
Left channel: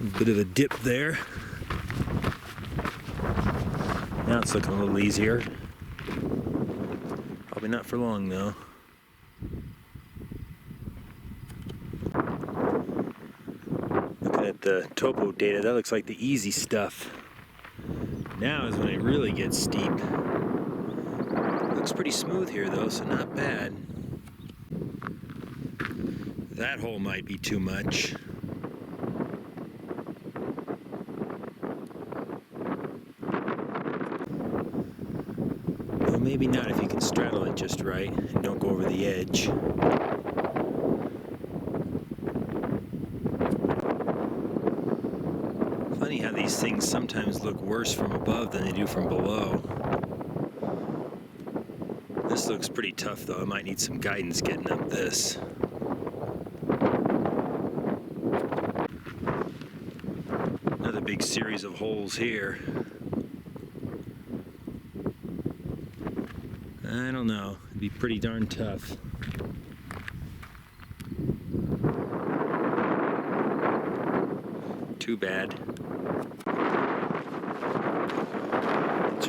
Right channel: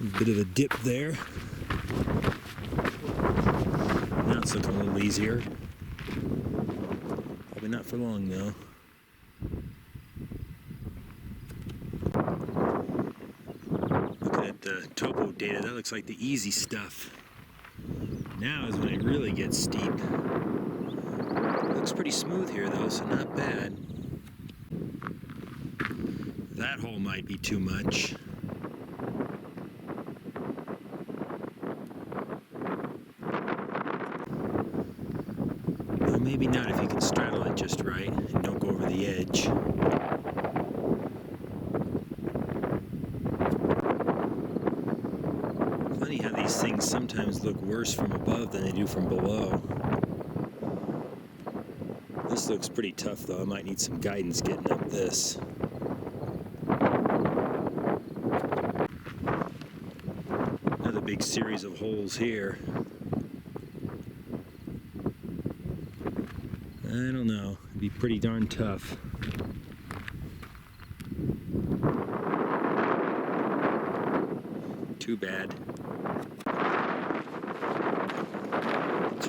A bit of a dip there. Now it's looking a little easier. Probably not for long though. At the topo data, that looks like the easy stuff. Now is when it really gets steep. Looks pretty smooth here though, so not bad. That hole might be too much. Well, maybe not if you can straddle it just right and don't go over the edge. Funny how these things sometimes look worse from above than they do from below. This looks pretty tough though. I might need some guidance getting up this. Another big series of holes here. I don't know. It'd be pretty darn tough. Too bad.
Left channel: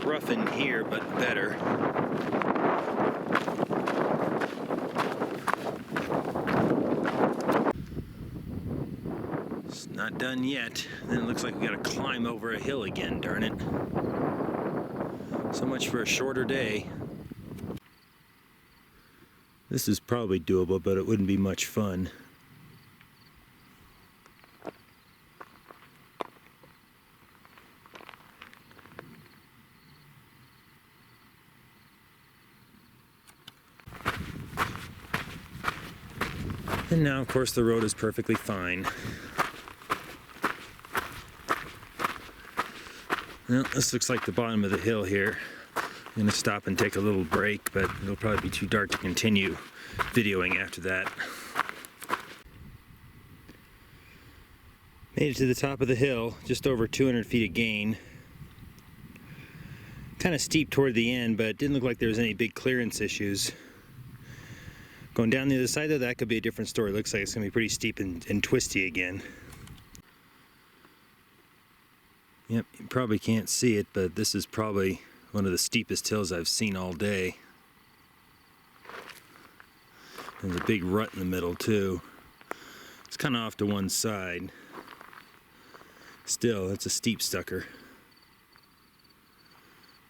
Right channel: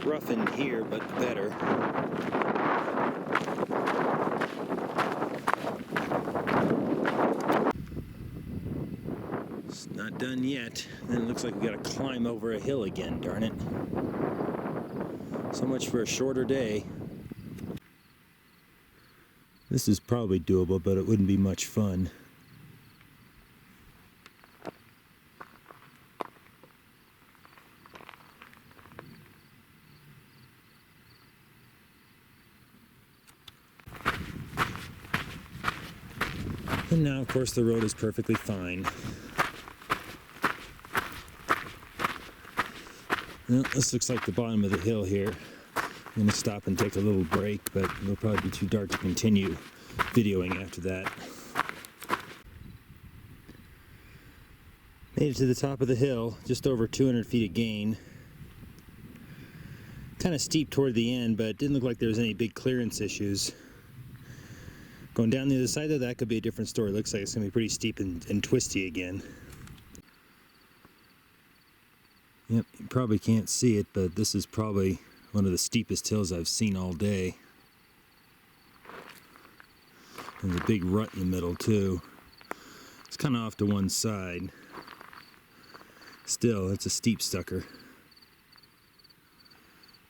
rough in here, but better. It's not done yet. Then it looks like we gotta climb over a hill again, darn it. So much for a shorter day. This is probably doable, but it wouldn't be much fun. And now, of course, the road is perfectly fine. Well, this looks like the bottom of the hill here. I'm going to stop and take a little break, but it'll probably be too dark to continue videoing after that. Made it to the top of the hill, just over 200 feet of gain. Kind of steep toward the end, but it didn't look like there was any big clearance issues. Going down the other side though, that could be a different story. Looks like it's going to be pretty steep and twisty again. Yep, you probably can't see it, but this is probably one of the steepest hills I've seen all day. There's a big rut in the middle too. It's kind of off to one side. Still, it's a steep sucker.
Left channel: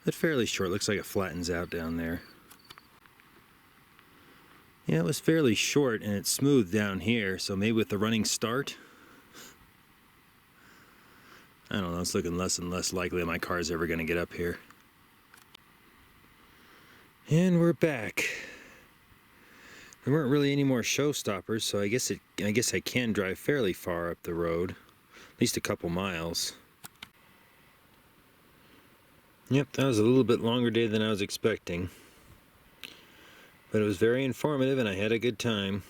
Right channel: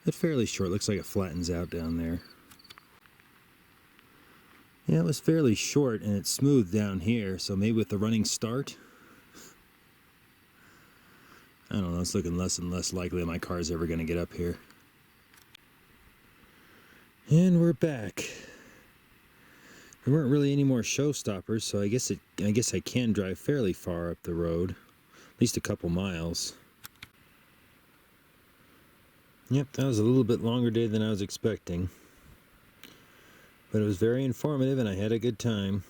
But fairly short, looks like it flattens out down there. Yeah, it was fairly short and it's smooth down here, so maybe with the running start, I don't know, it's looking less and less likely that my car is ever going to get up here. And we're back. There weren't really any more showstoppers, so I guess I can drive fairly far up the road, at least a couple miles. Yep, that was a little bit longer day than I was expecting. But it was very informative and I had a good time.